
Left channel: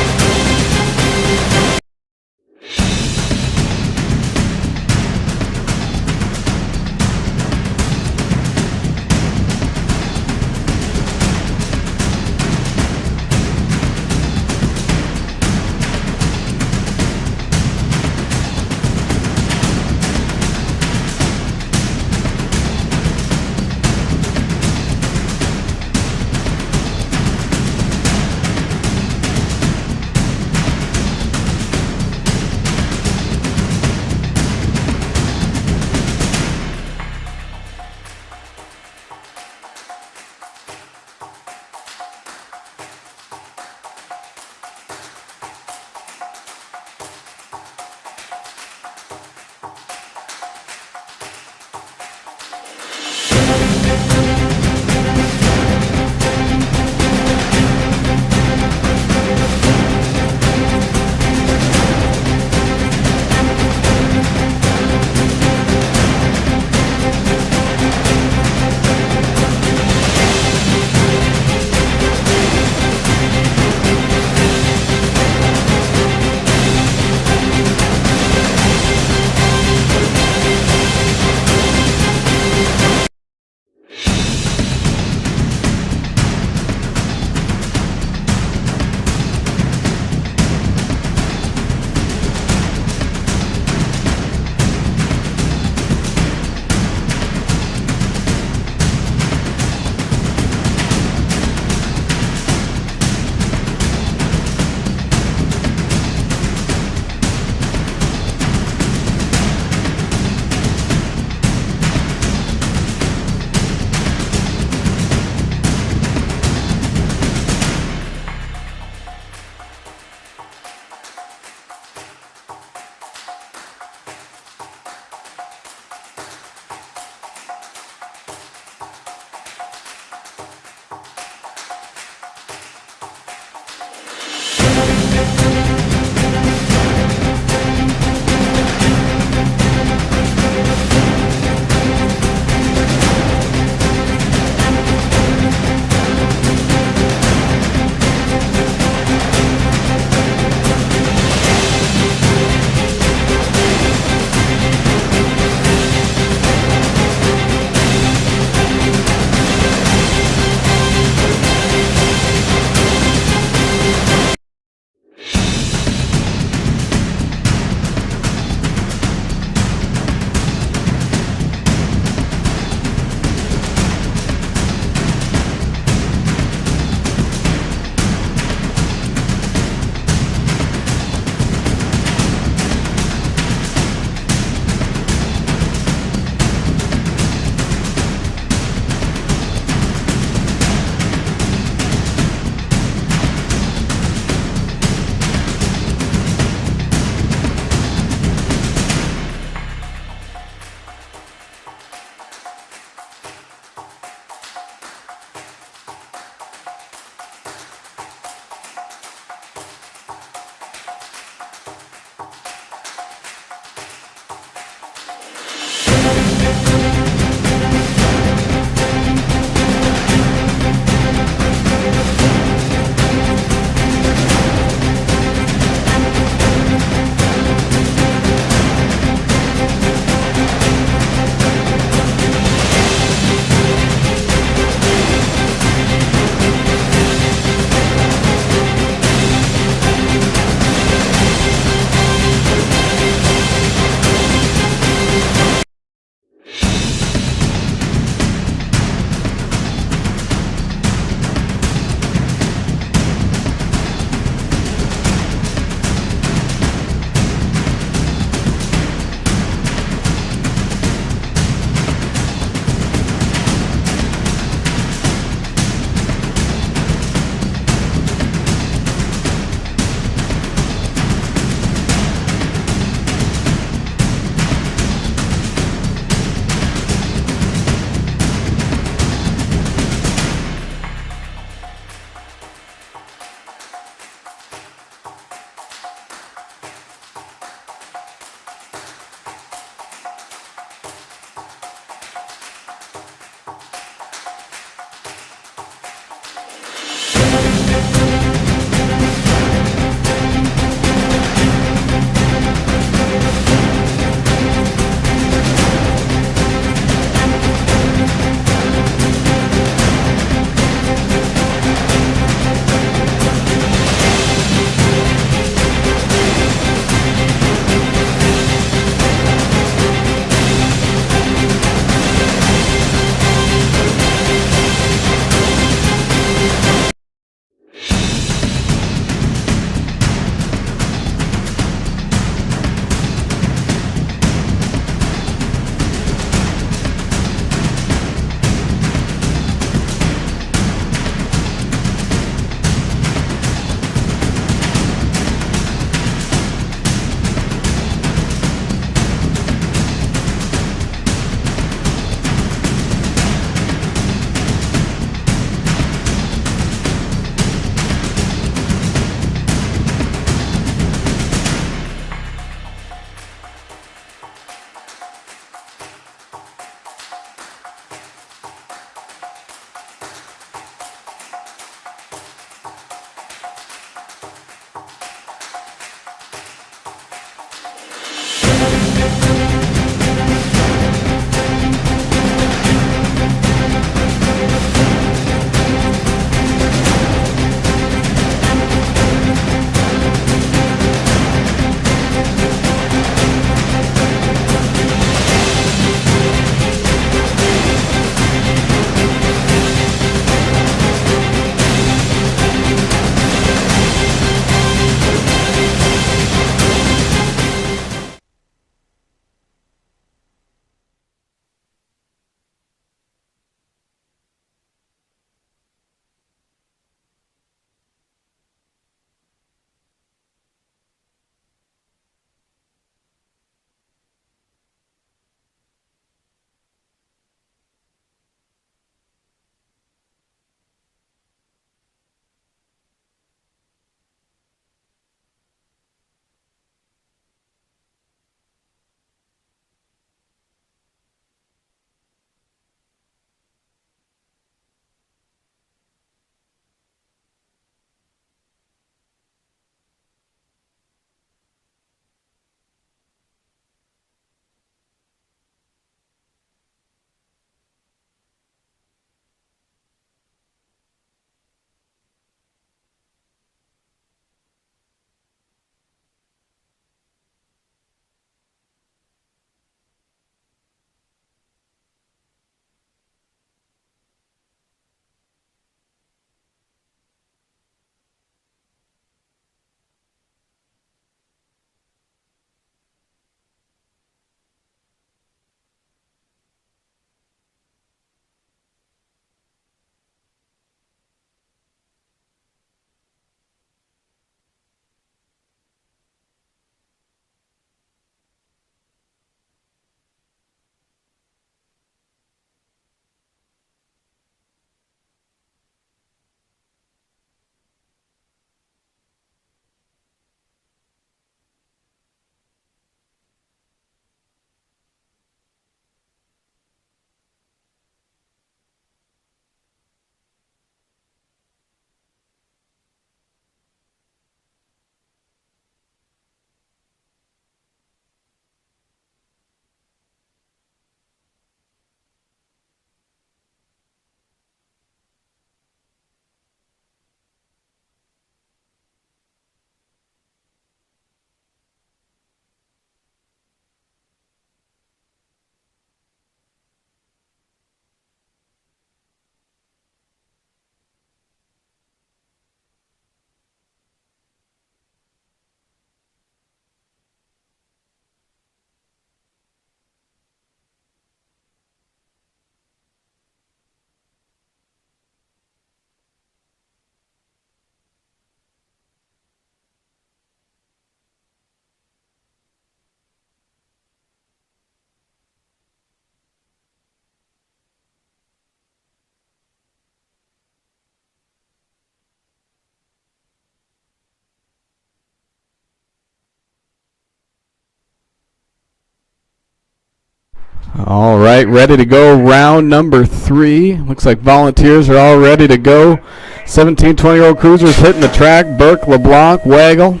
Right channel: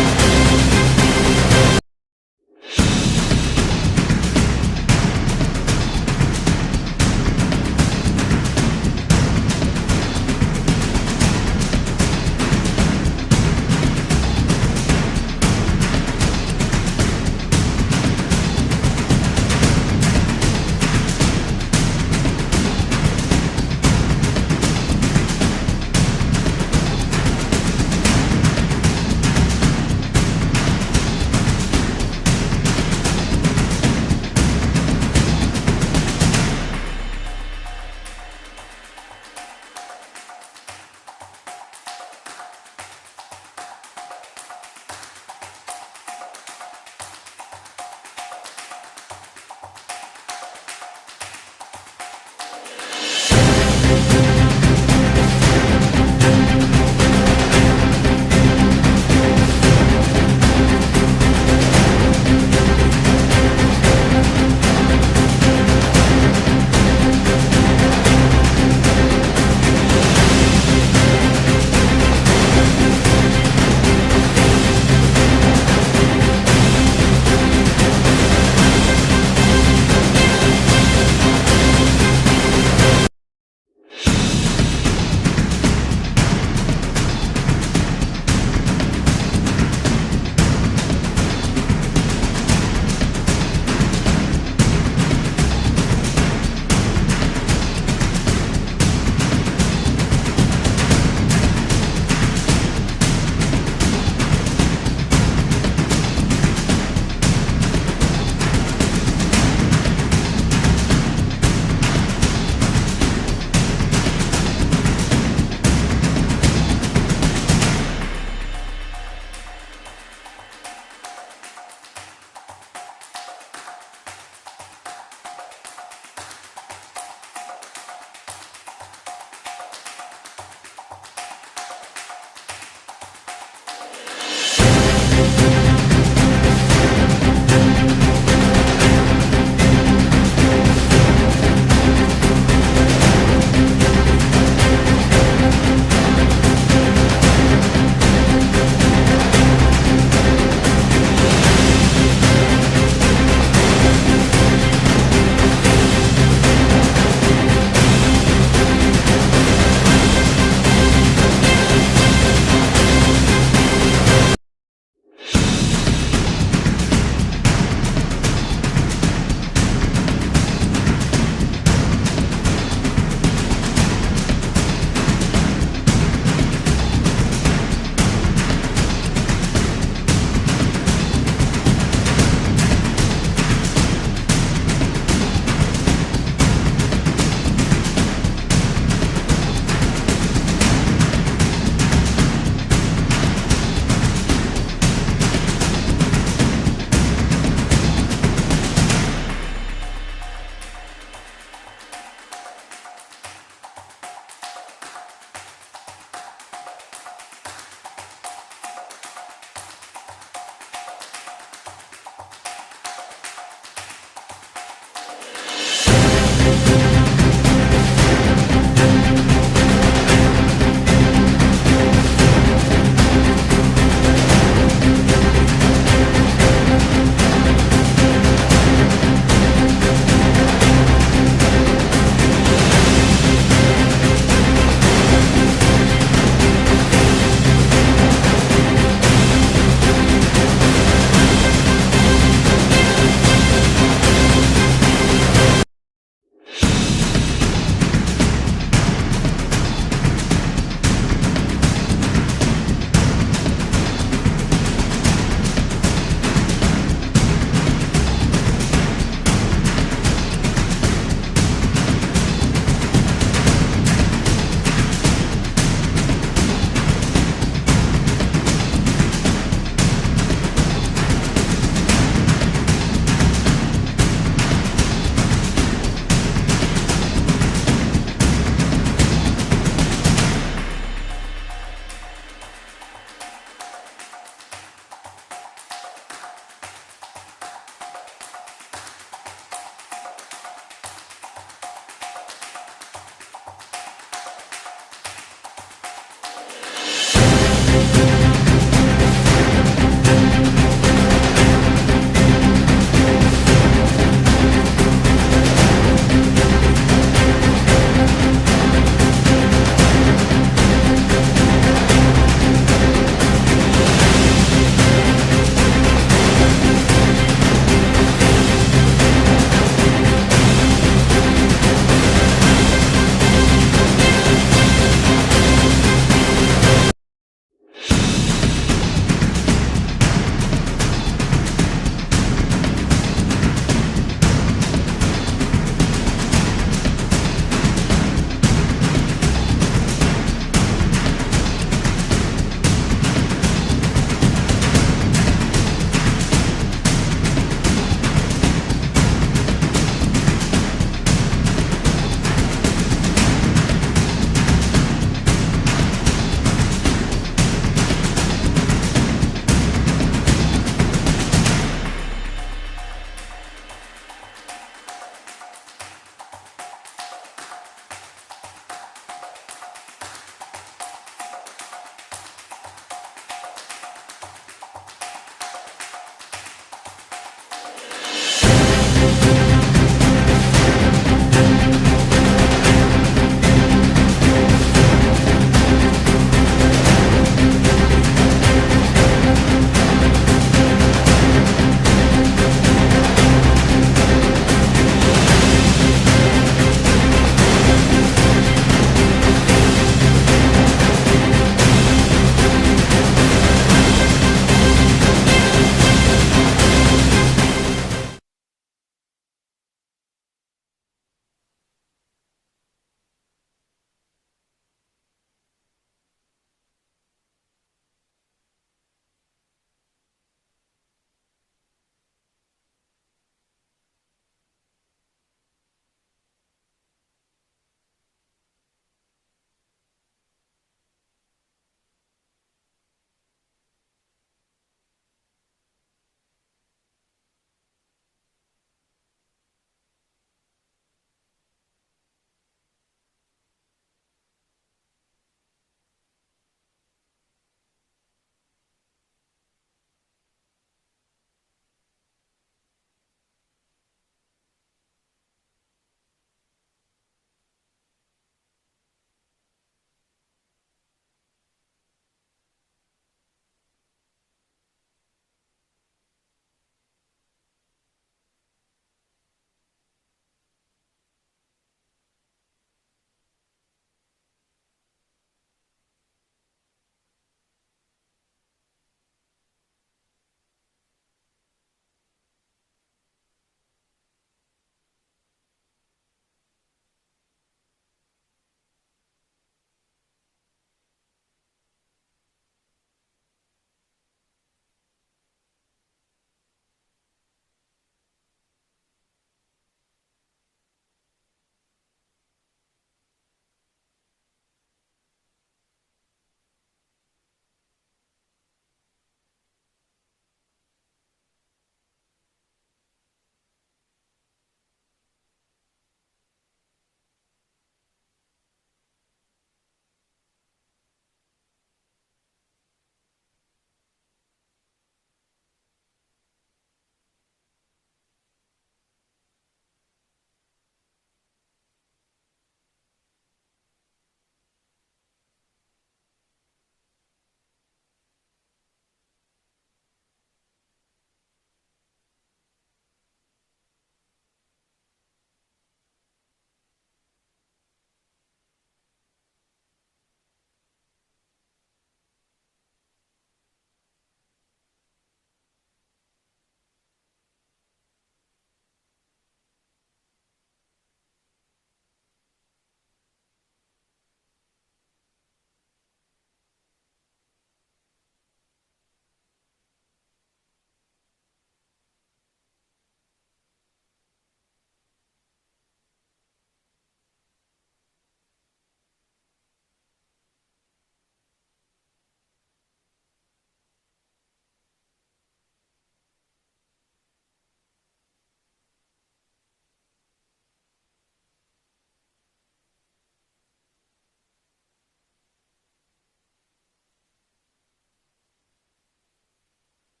All right, ready to go. Round number 3. Looks like volunteers are all ready to go. 17, 20-year-old cruisers hitting the track. Burke, LeBlanc, Waggle.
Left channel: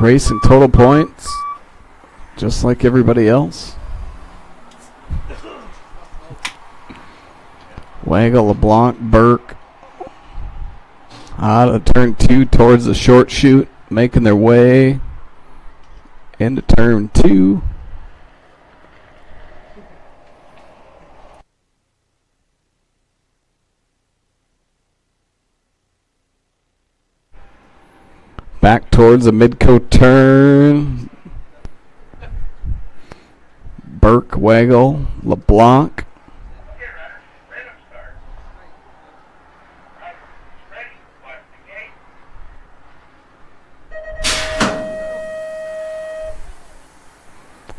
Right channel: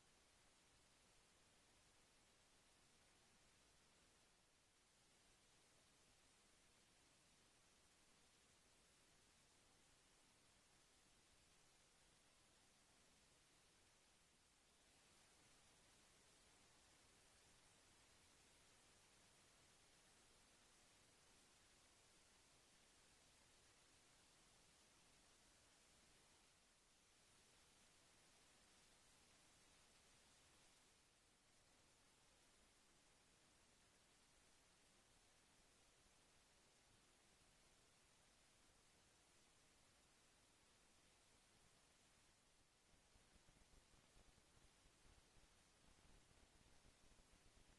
Racing total points, just like everybody else. Waggle, LeBlanc, Burke. Out of turn 2 towards the short chute, making their way into turn 2. Back towards the midcoat turn. Burke, Waggle, LeBlanc.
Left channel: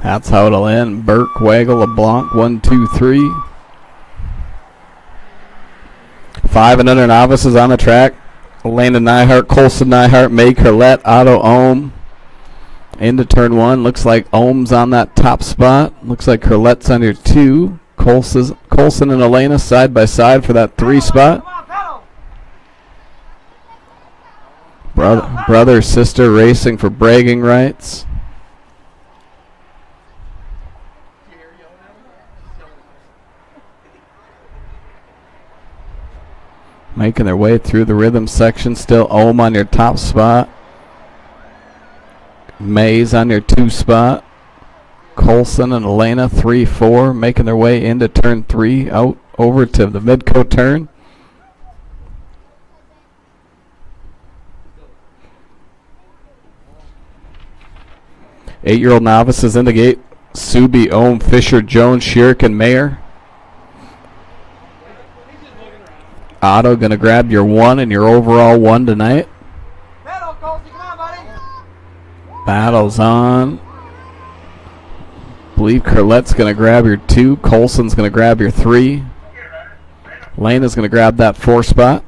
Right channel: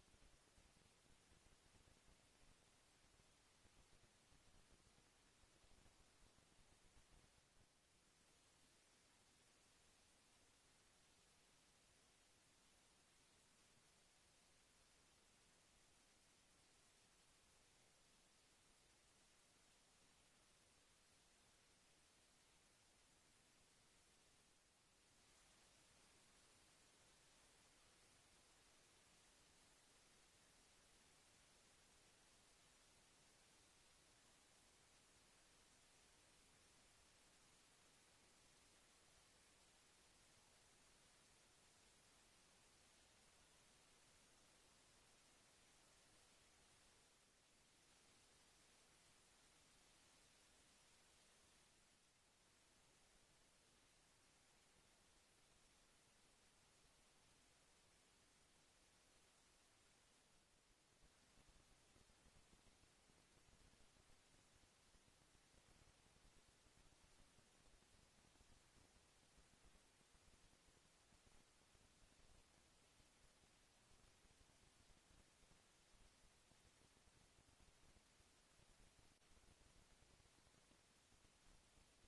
That's how it'll end. Burke, Waggle, LeBlanc, 1, 2, 3. 5 and under novices on the track. Landon Nyhart, Colson Nyhart, May Curlette, Otto Ohm. Into turn 1. Looks like Ohm's on that top spot. Looks like Curlette's on your 2. Colson and Elena side by side for that 3 spot. Brother, sister racing for bragging rights. Making their way through the rhythm section. Still Ohm on your top spot. Mays on your 2 spot. Colson and Elena 3, 4. Making their way into turn 3. Out over to the midcoat turn. Eight-year-old novices in the gate. Subi, Ohm, Fisher, Jones, Shirk, and Mayer. Otto gonna grab your 1 and your overall 1 tonight. Battle's on. Believe Curlette's gonna grab your 2. Colson's gonna grab your 3. Lena's gonna grab that 4 spot.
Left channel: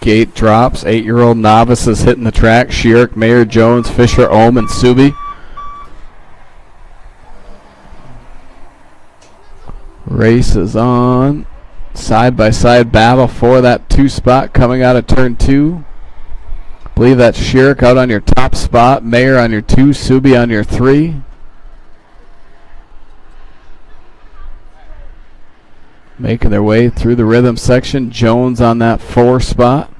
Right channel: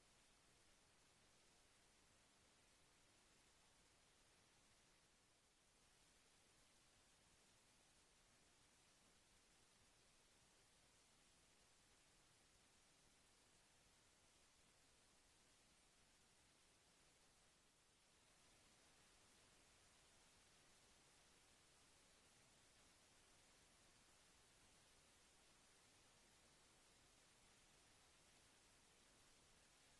Gate drops. 8-year-old novices hitting the track. Shirk, Mayer, Jones, Fisher, Ohm, and Subi. Race is on. Side by side battle for that 2 spot coming out of turn 2. Believe that's Shirk out on your top spot. Mayer on your 2. Subi on your 3. Making their way through the rhythm section. Jones on that 4 spot.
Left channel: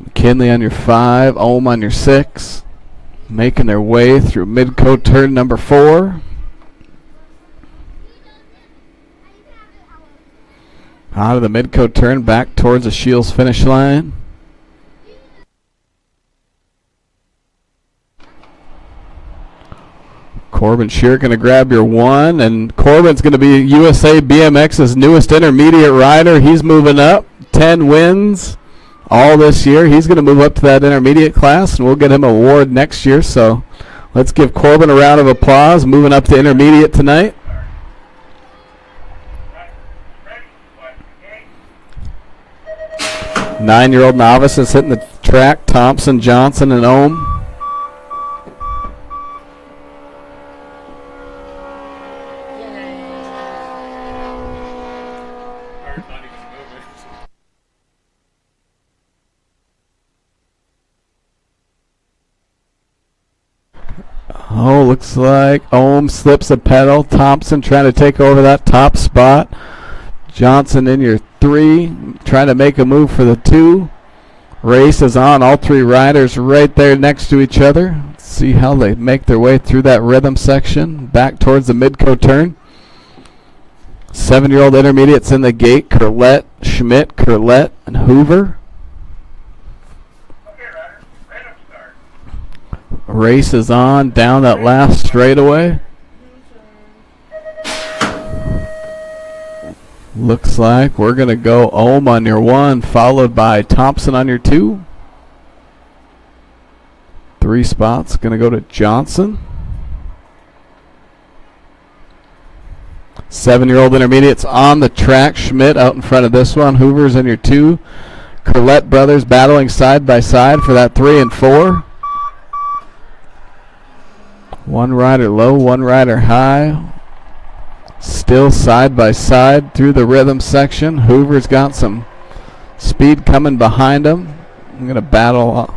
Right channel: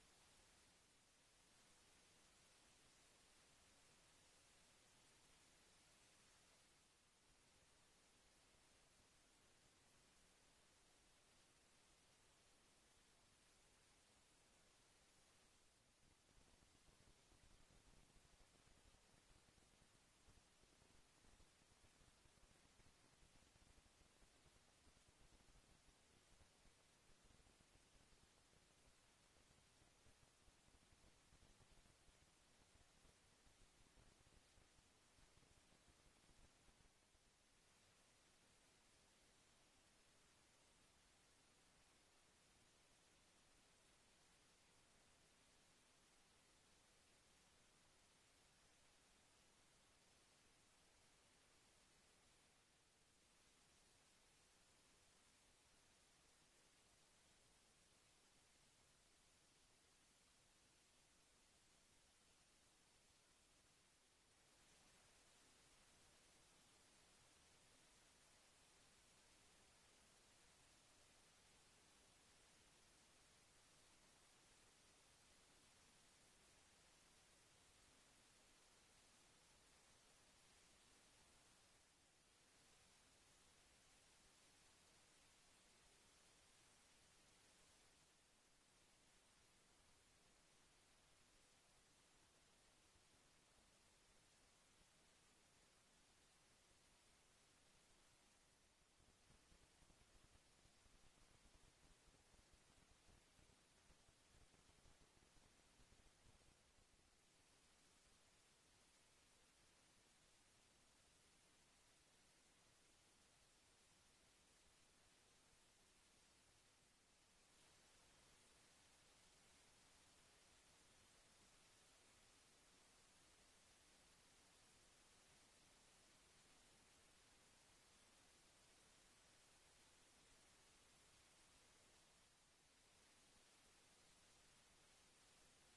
McKinley on your 5. Ohm on your 6. Making their way through midcoat turn number 4. Out of the midcoat turn, back towards the Shields finish line. Corbin Shear going to grab your 1, and Corbin's going to be USA BMX's newest intermediate rider. He's moving up, 10 wins all this year. He's going to move up to that intermediate class, and we'll get him an award next year. So let's give Corbin a round of applause, moving up to intermediate tonight. Nine-year-old novices hitting the track. Thompson, Johnson, and Ohm. Oh, looks like Ohm slips a pedal. Thompson trying to take over that top spot. Johnson in your 3, trying to make a move for the 2. Race is on. All 3 riders right there next to each other. Let's see how they make their way through that rhythm section. Back towards the midcoat turn. 7-year-old intermediates in the gate. Curlette, Schmidt, Curlette, and Hoover. Race is on down that last straightaway. Looks like we're going to go Ohm on your 1, followed by Thompson on your 2. 3 spots going to go to Johnson. 7-year-old intermediates on the track. Schmidt out in front of this one. Hoover's in your 2. Curlette brothers battling side by side for that 3 and 4. One rider low, one rider high. Still side by side through the rhythm section. Hoover's got some speed coming behind him. I'm going to battle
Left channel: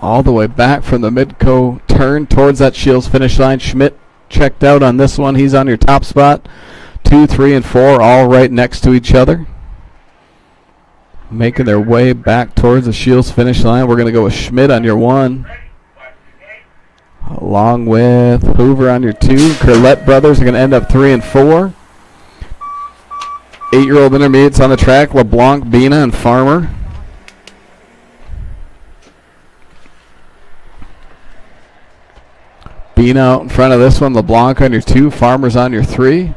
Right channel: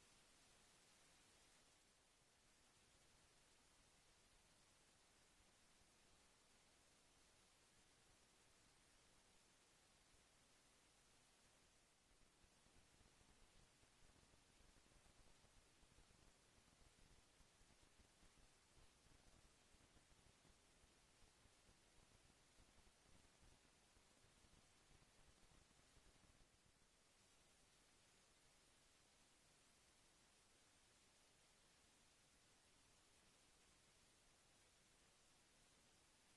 all the way back from the Midco turn towards that Shields finish line. Schmidt checked out on this one. He's on your top spot. 2, 3, and 4 all right next to each other. Making their way back towards the Shields finish line. We're going to go with Schmidt on your 1. Along with Hoover on your 2. Curlette brothers are going to end up 3 and 4. 8-year-old intermediates on the track. LeBlanc, Bina, and Farmer. Bina out in front of this one. LeBlanc on your 2. Farmer's on your 3.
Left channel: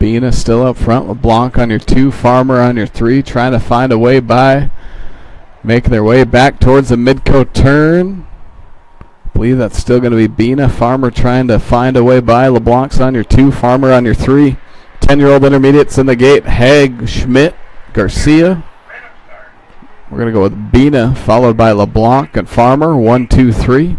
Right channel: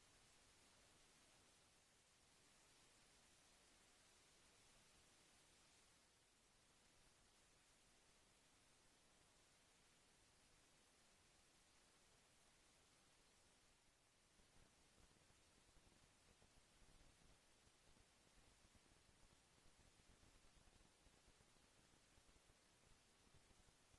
Bina still up front. LeBlanc on your 2. Farmer on your 3. Trying to find a way by. Making their way back towards the Midco turn. I believe that's still going to be Bina. Farmer trying to find a way by. LeBlanc's on your 2. Farmer on your 3. 10-year-old intermediates in the gate. Haig, Schmidt, Garcia. We're going to go with Bina, followed by LeBlanc and Farmer. 1, 2, 3.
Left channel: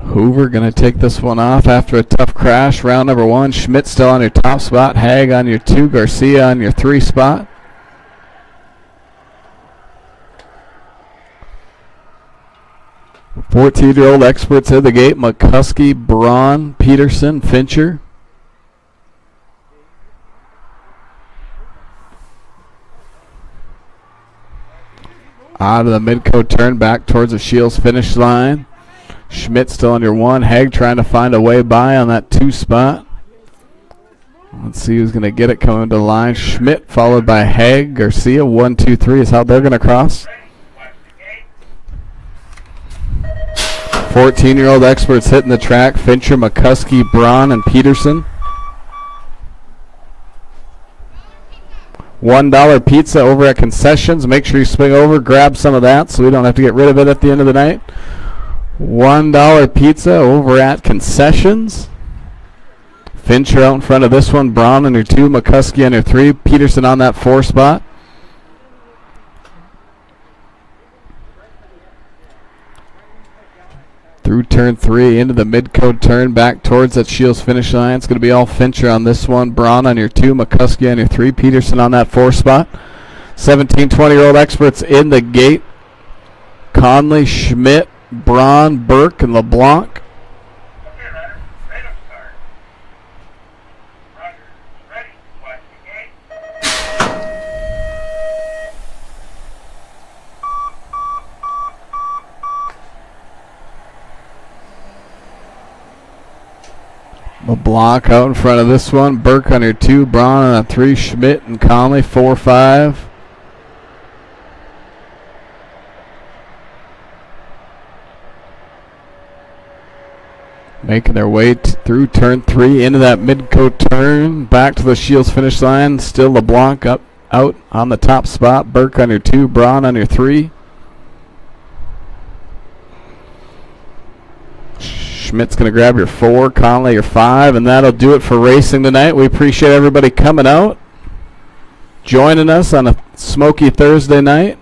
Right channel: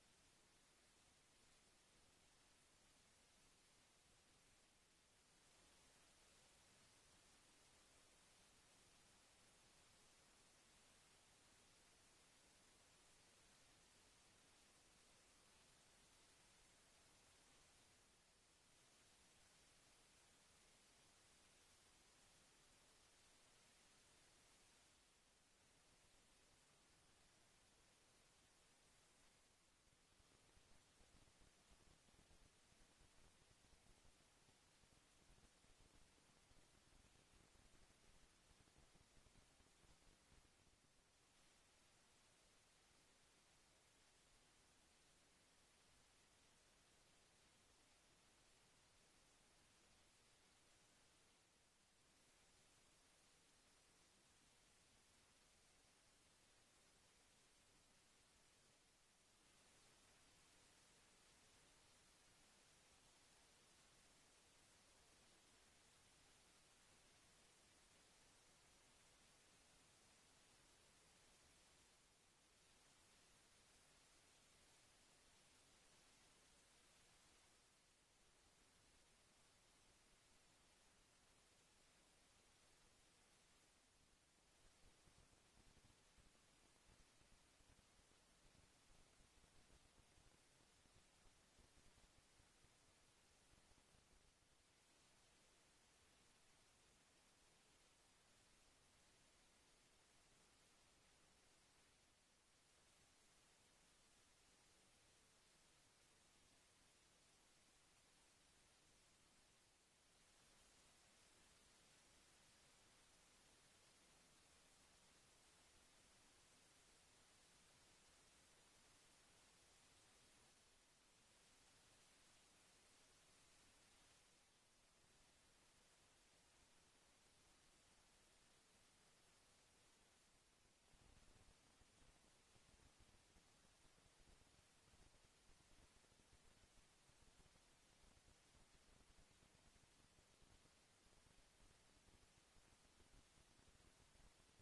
Hoover going to take this one off after a tough crash. Round number 1. Schmidt still on your top spot. Haig on your 2. Garcia on your 3 spot. Fourteen-year-old experts in the gate. McCuskey, Braun, Peterson, Fincher. Out of the Midco turn back towards the Shields finish line. Schmidt still on your 1. Haig trying to find a way by on that 2 spot. Let's see who's going to get it coming to the line. Schmidt followed by Haig. Garcia, 1, 2, 3 is how they're going to cross. 14-year-old experts hitting the track. Fincher, McCuskey, Braun, and Peterson. $1 pizza over at concessions. Make sure you swing over, grab some of that so we don't have to get rid of it at the end of the night. $1 pizza over at concessions. Fincher out in front of this one. Braun on your 2. McCuskey on your 3. Peterson on that 4 spot. Through turn 3 into the Midco turn back towards that Shields finish line. It's going to be all Fincher on this one. Braun on your 2. McCuskey on your 3. Peterson on that 4 spot. 17, 20-year-old experts in the gate. Conley, Schmidt, Braun, Burke, and LeBlanc. LeBlanc out in front of this one. Burke on your 2. Braun on a 3. Schmidt and Conley 4, 5. Making their way through turn 3 into that Midco turn. Back to the Shields finish line. Still LeBlanc out on the top spot. Burke on your 2. Braun on your 3. Schmidt's going to grab your 4. Conley your 5. And that'll do it for racing tonight. We appreciate everybody coming out, joining us on a smoky Thursday night.